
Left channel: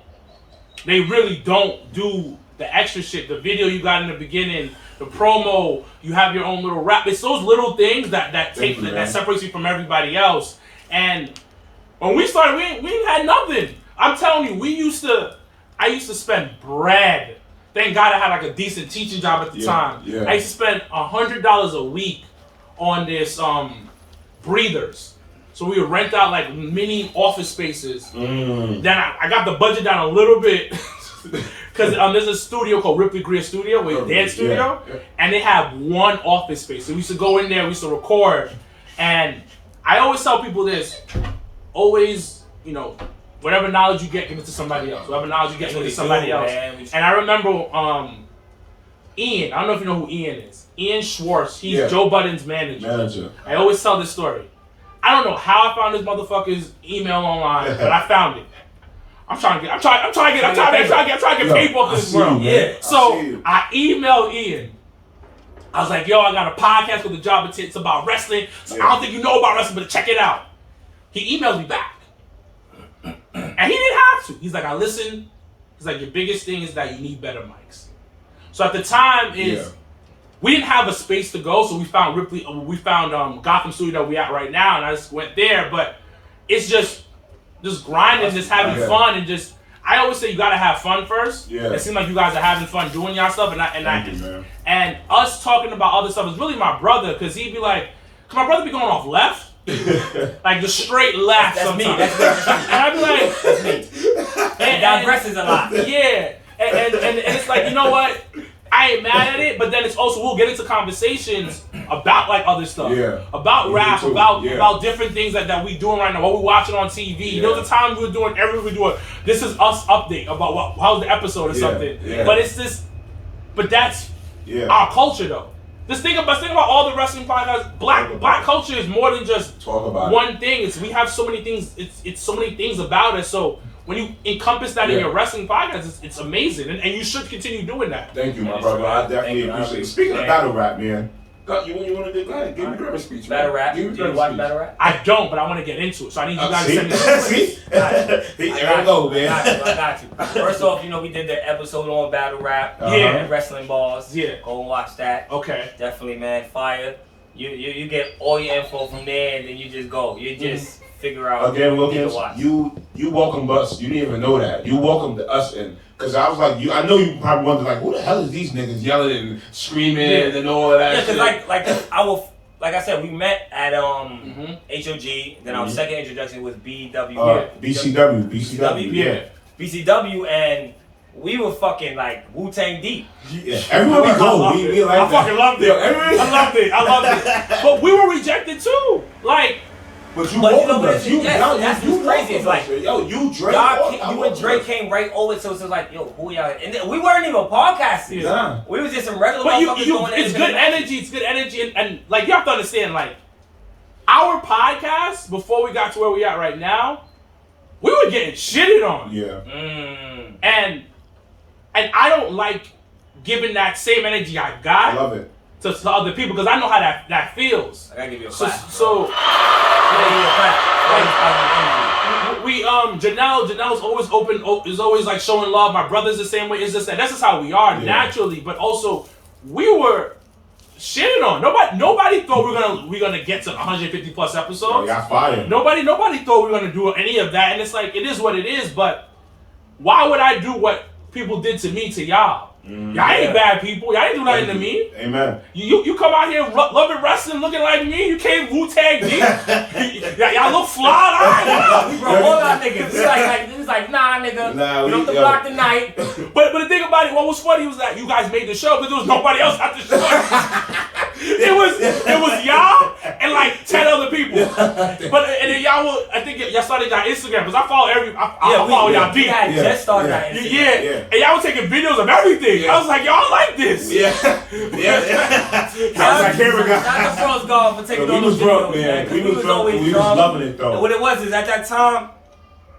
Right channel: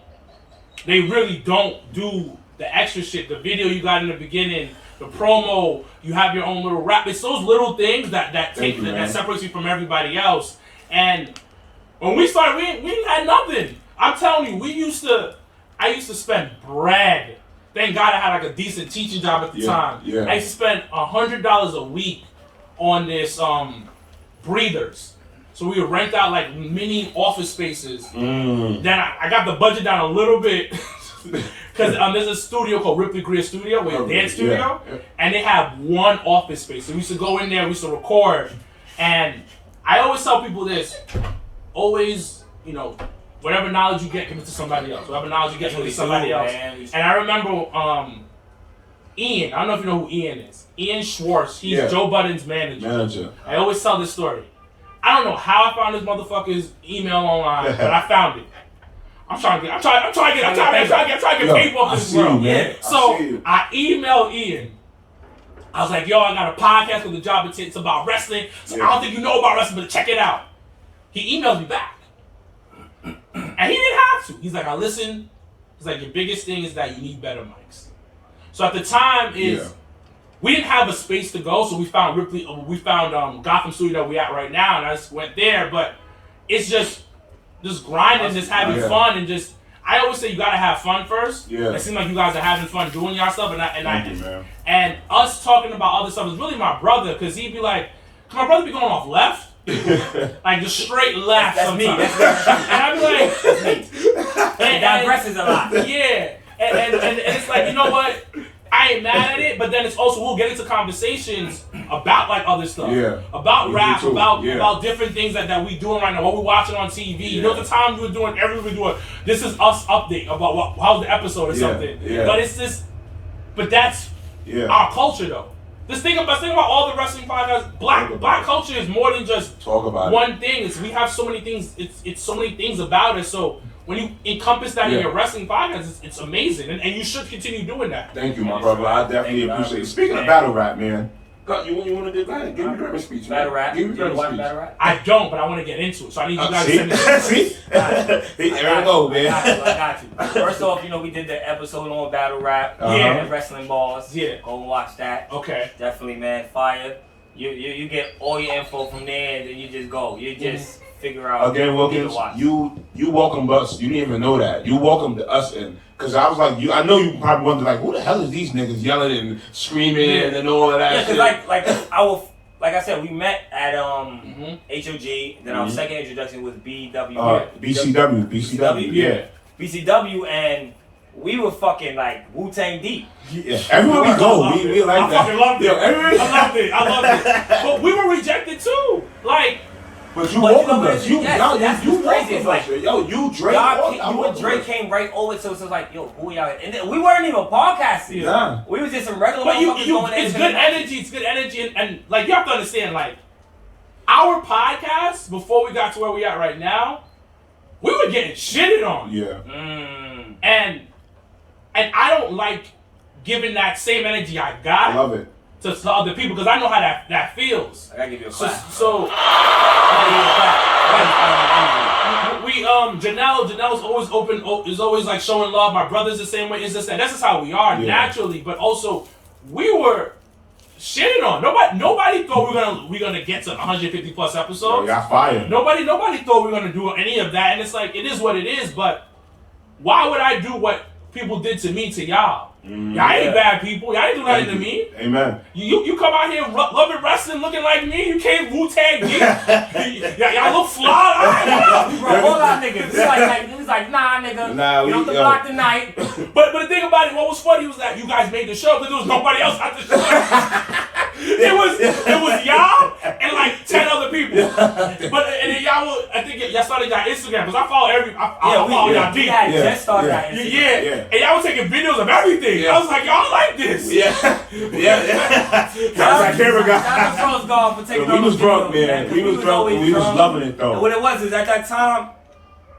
They really don't do the extra shit. The video you got in the beginning, the promo, you have your own little rap. It's those little things that separates you from everybody else. And when we started, we ain't had nothing. I'm telling you, I used to spend bread. Thank God I had like a decent teaching job at the time. Yeah. I used to spend $100 a week on this breathers. So we would rent out like mini office spaces. Then I got the budget down a little bit because there's a studio called Ripley Greer Studio, where dance studio, and they have one office space. So we used to go in there, we used to record, and I always tell people this: always, whatever knowledge you get, give it to somebody else. Whatever knowledge you get, give it to somebody else. Man. And I remember Ian. I don't know if you know who Ian is. Ian Schwartz. He's Joe Budden's manager. I always tell this story. I don't know how I found this motherfucker's email online, but I found it. I'm trying to get paper off this world. Yeah. So I emailed Ian. I was like, yo, I got a podcast with the Jobbertears. It's about wrestling. So I don't think you know about wrestling, but check it out. He emails me back. And he didn't have to. He's like, I listen. He's like, your biggest thing is that you need better mics. So at the time we didn't have a space to go, so we found Gotham Studio that we at right now, and I just went there. But it's just grinding, just having fun, and just. I always say you gotta have fun first. Yeah. It seems like you guys are having fun doing y'all stuff, and us talking about other stuff is really my brother, cause he'd be like, cause my brother be going off left, like just straight left. That's me. That's me. And I'd be like, that's me. And digresses a lot. Yeah, and it's like, you know what? I ain't mad at it, but then it's also we'll get into conversations about like other stuff, about rap, about different things that we doing right now, what we watching on TV. There was a time we were doing this is us update about how's the episode or something. But it's this, but that's our culture though. Let's think about all the wrestling podcasts. Black culture is more than just one thing. It's we have so many things. It's so many things about us. So when you encompass that in your wrestling podcast, it's amazing, and you should continue doing that. Thank you, my brother. I definitely appreciate it. Speaking of battle rap, man, you want to do? Go ahead, give me your speech. Battle rap. Do you watch battle rap? I don't, but I want to get into it. So I need you guys to send me. See, there we go, man. I got you. First off, we did the episode on battle rap. Wrestling balls. Yeah. Go and watch that. Okay. Definitely, man. Fire. You get all your info from there, and then you just go. You just figure out. Again, Wilkins, you welcomed us. You didn't even know that. You welcomed us in. Because I was like, I know you probably wondered, like, who the hell is these niggas yelling and screaming and all that shit? Yeah, because like I said, we met at HOG. Then our second introduction was BCW, yeah. BCW, and we were fucking like Wu-Tang deep. Yeah. Everywhere we go, we like I fucking loved it. I loved it. But we were rejected too. Like, but you welcomed us. That's crazy. It's like, yo, you Drake. You and Drake came right over, so it's like, yo, who y'all? And then we weren't even podcasting. Yeah. We was just some regular motherfuckers going in. It's good energy. It's good energy, and like you have to understand, like our podcast before we got to where we at right now, we were getting shitted on. Yeah. And I don't like giving that same energy I got. I love it. To other people, because I know how that feels. I gotta give you a clap. Janelle's always open, is always like showing love. My brother's the same way. Is this that's just how we are naturally. But also, we were shitting on. Nobody thought we were gonna get to 150 plus episodes. Oh, got fired. Nobody thought we were gonna do any of that. And it's like it is what it is. But why would I do what people did to me to y'all? Y'all ain't bad people. Y'all ain't do nothing to me. Amen. You come out here loving wrestling, looking like me. You came Wu-Tang deep. Y'all look fly. We brought all our niggas. It was like, nah, nigga. Nah, we don't have to block the night. But the thing about it, what was funny was that you guys made the show because there was nobody else at the show. It was y'all and like 10 other people. And then I think y'all started y'all Instagram because I follow follow y'all deep. We had just started our Instagram. Yeah. And y'all were taking videos of everything. I was like, y'all like this. Yeah. Shout out to Frost Golf for taking on those videos, man. We was loving it though. And what it was is at that time,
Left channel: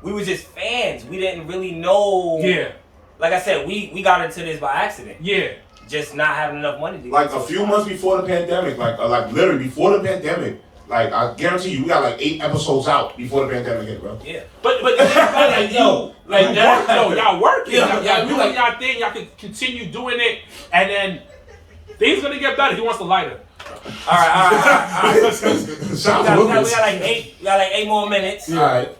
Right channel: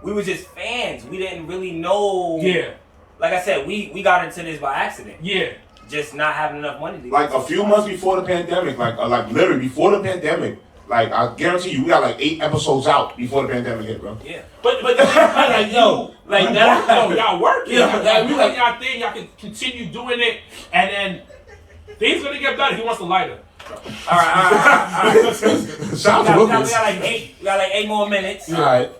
we were just fans. We didn't really know. Yeah. Like I said, we got into this by accident. Yeah. Just not having enough money to like a few months before the pandemic, like literally before the pandemic, like I guarantee you, we got like 8 episodes out before the pandemic hit, bro. Yeah. But like y'all working. Y'all doing y'all thing. Y'all can continue doing it, and then things gonna get better. He wants the lighter. All right. We got like 8 more minutes. All right.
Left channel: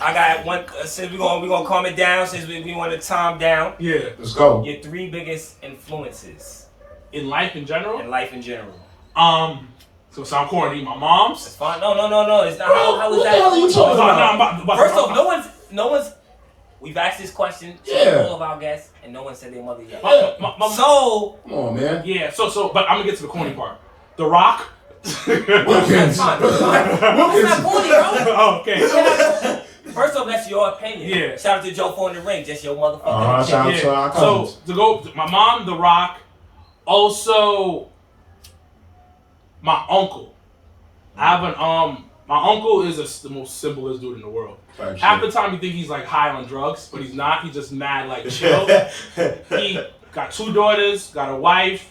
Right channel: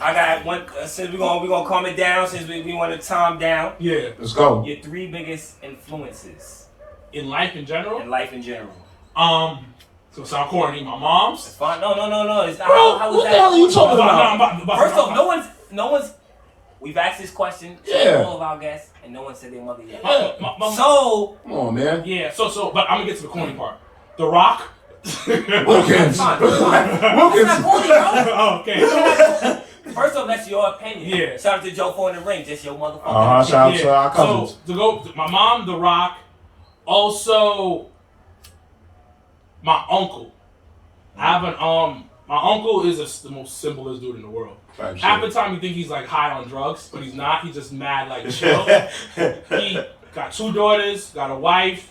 I got one. Since we gonna calm it down. Since we want to calm down. Yeah. Let's go. Your 3 biggest influences in life in general. So sound corny. My mom's. It's fine. No. It's not. How is that? What are you talking about? First off, no one's. We've asked this question to all of our guests, and no one said their mother yet. So come on, man. Yeah. So, but I'm gonna get to the corny part. The Rock. Wilkins. That's not corny, bro. Oh, okay. First off, that's your opinion. Yeah. Shout out to Joe for in the ring, just your motherfucker. Shout out to our cousins. So my mom, The Rock. Also, my uncle. I have my uncle is the most simplest dude in the world. Half the time you think he's like high on drugs, but he's not. He's just mad, like chill. He got 2 daughters, got a wife.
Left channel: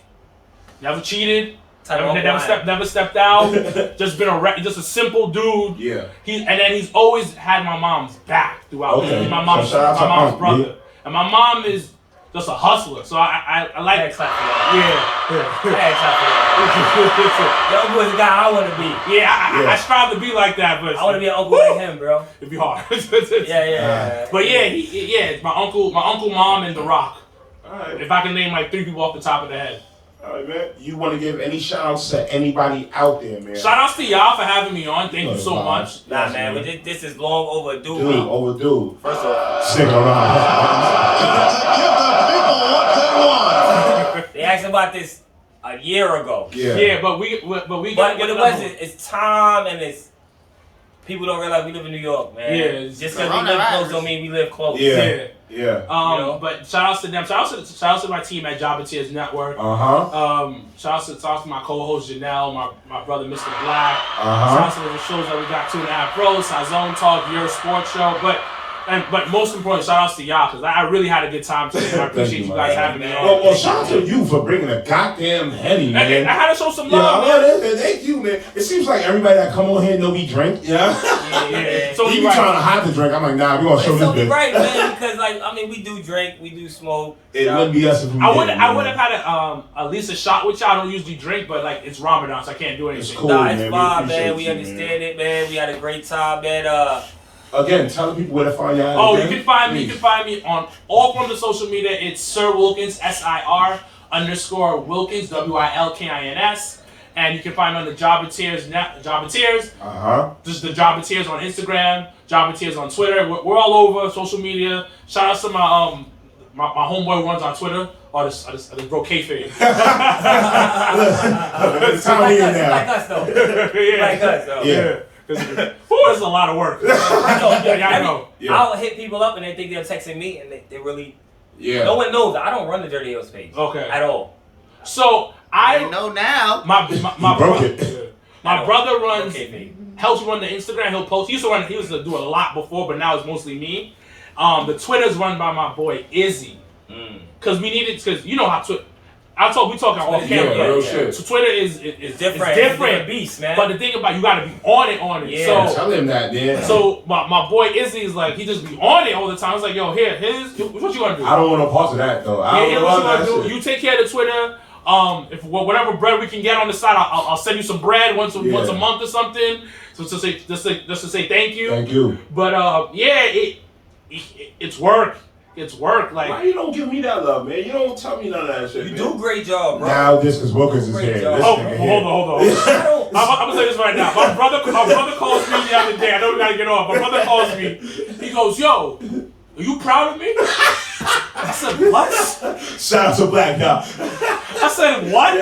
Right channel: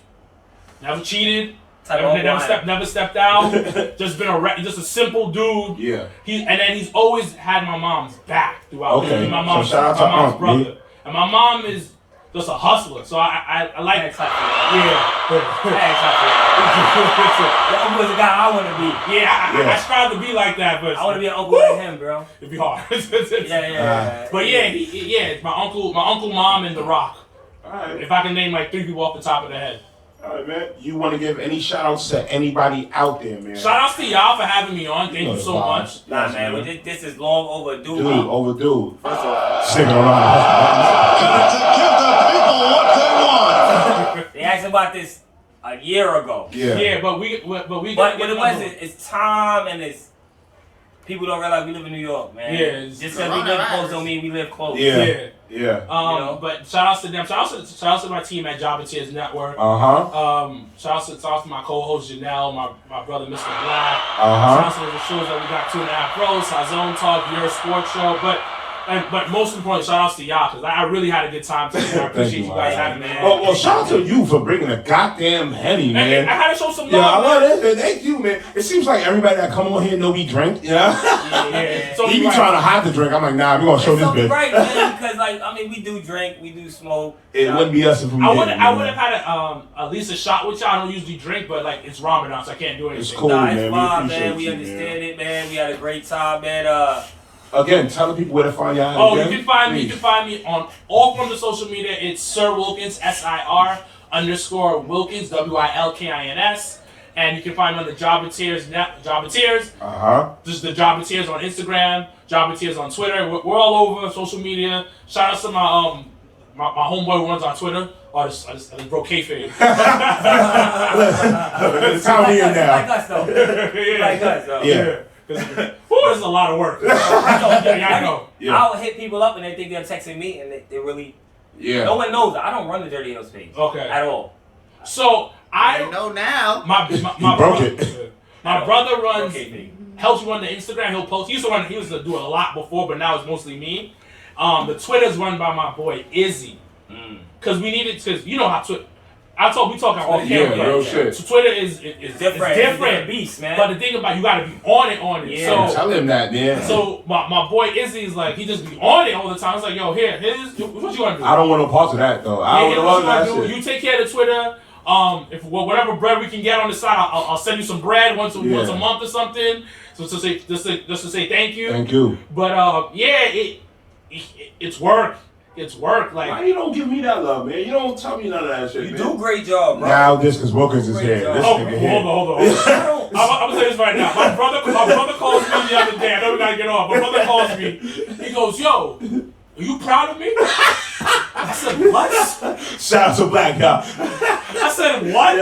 Never cheated. Type of Never stepped out. Just been just a simple dude. Yeah. And then he's always had my mom's back throughout. Okay. He's my mom's, So shout out to my mom's Unc, brother. yeah. And my mom is just a hustler. So I like I ain't clap for that. Yeah. I ain't clap for that. Your uncle is the guy I want to be. I strive to be like that, but I want to be an uncle like him, bro. it'd be hard. Yeah. But it's my uncle, mom, and The Rock. All right. If I can name like 3 people off the top of the head. All right, man. You want to give any shout outs to anybody out there, man? Shout outs to y'all for having me on. Thank you so much. Nah, man, this is long overdue. Dude, overdue. First of all, Sticking around. they asked about this a year ago. Yeah. But what it was it's time and it's people don't realize we live in New York, man. Yeah, just because we live close don't mean we live close. Yeah. But shout outs to them. Shout outs to my team at Jobbertears Network. Shout outs to my co-host Janelle, my brother Mr. Black. Shout outs to the shows that we got 2.5 Bros, Zone Talk, Your Sports Show. But most important, shout outs to y'all because I really had a good time today. I appreciate you guys having me on. Well, shout out to you for bringing a goddamn Henny, man. I had to show some Yeah, I love. love it. Thank you, man. It seems like everybody that come on here know we drink, Yeah. He be trying to hide the drink. I'm like, nah, we gonna show this So bitch. right, man, because we do drink, we do smoke. It wouldn't be us if we I would didn't, have man. had at least a shot with y'all. I don't usually drink, but like it's Ramadan, so I can't do anything. It's cool, Nah, man. it's We fine, appreciate man. We you, understand it, man. We had a great time, man. Again, tell the people where to find y'all. Oh, again. you can find me on all forms of social media. It's Sir Wilkins, SIR _ Wilkins, WILKINS. And you can find me on the Jobbertears. Just the Jobbertears on Instagram, Jobbertears on Twitter. We're all over social media. Shout out to my homeboy who runs on Twitter. I just broke kayfabe. Like us, though. Like us, though. Yeah. This is a lot of work. I know. I'll hit people up and they think they're texting me and they really. Yeah. No one knows that I don't run the DirtyHeelz page. Okay. At all. So I know now. My broke brother, it. My brother runs. Okay, Helps run the Instagram. He'll post. He used to do a lot before, but now it's mostly me. The Twitter's run by my boy Izzy. Because you know how Twitter. We talk off camera. Real shit. So Twitter is different. It's different. It's a different beast, man. But the thing about you got to be on it. Yeah. So, Tell him that, yeah. So my boy Izzy is like he just be on it all the time. I was like, yo, here's what you gonna do. I don't want no parts of that though. I don't know what you that gonna do. shit. You take care of the Twitter. If whatever bread we can get on the side, I'll send you some bread once a month or something. So to say just to say thank you. Thank you. But it's work. It's work. Like why you don't give me that love, man? You don't tell me none of that shit. You man. do a great job, bro. Now this is Wilkins is here. This hold nigga here. on. I'm gonna say this right now. My brother calls me the other day. I know we gotta get off. My brother calls me. He goes, "Yo, are you proud of me?" I said, "What?" Shout out to Black y'all. I said, "What?"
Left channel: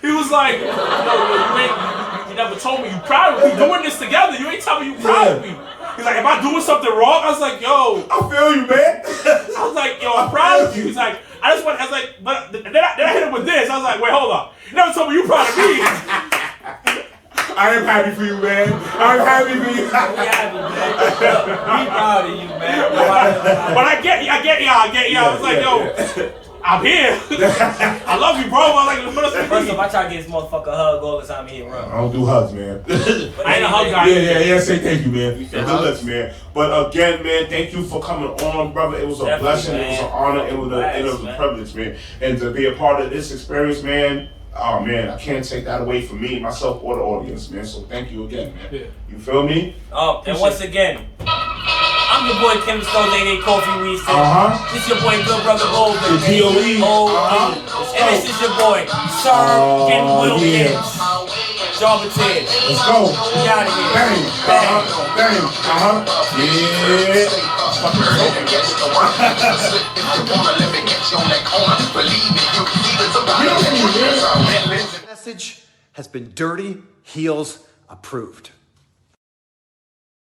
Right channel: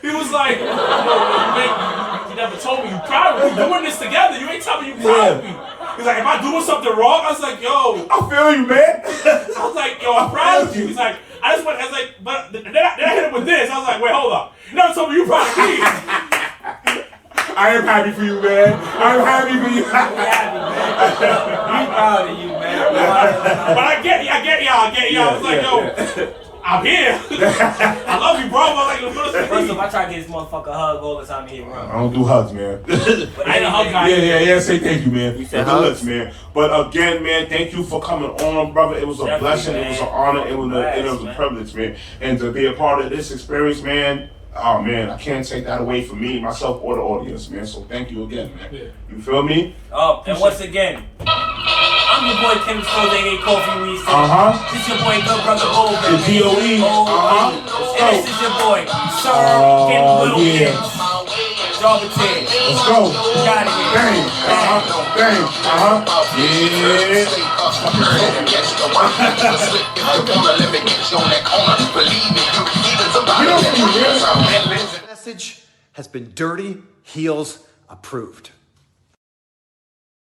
He was like, "No, you never told me you proud of me. We're doing this together. You ain't telling me you proud of me." He's like, "Am I doing something wrong?" I was like, "Yo, I feel you, man. I was like, yo, I'm proud of you." He's like, I was like, but then I hit him with this. I was like, wait, hold up. You never told me you proud of me. I am happy for you, man. I'm happy for you. We happy, man. We proud of you, man. But I get y'all. I was like, yo, I'm here. I love you, bro. I was like, First off, I try to get this motherfucker a hug all the time he run. I don't do hugs, man. But I ain't a hug guy. Yeah. Say thank you, man. You The said lips, man. But again, man, thank you for coming on, brother. It was a Definitely, blessing. man. It was an honor. It was a privilege, man. And to be a part of this experience, man. Oh man, I can't take that away from me, myself, or the audience, man. So thank you again, man. Yeah. You feel me? And once again, I'm your boy Kim Stones, aka Kofi Weasel. This is your boy Good Brother Goldman. The POE. And this is your boy Sir Wilkins. Jobbertears. Let's go. We out of here. Bang. Bang. Message has been DirtyHeelz approved.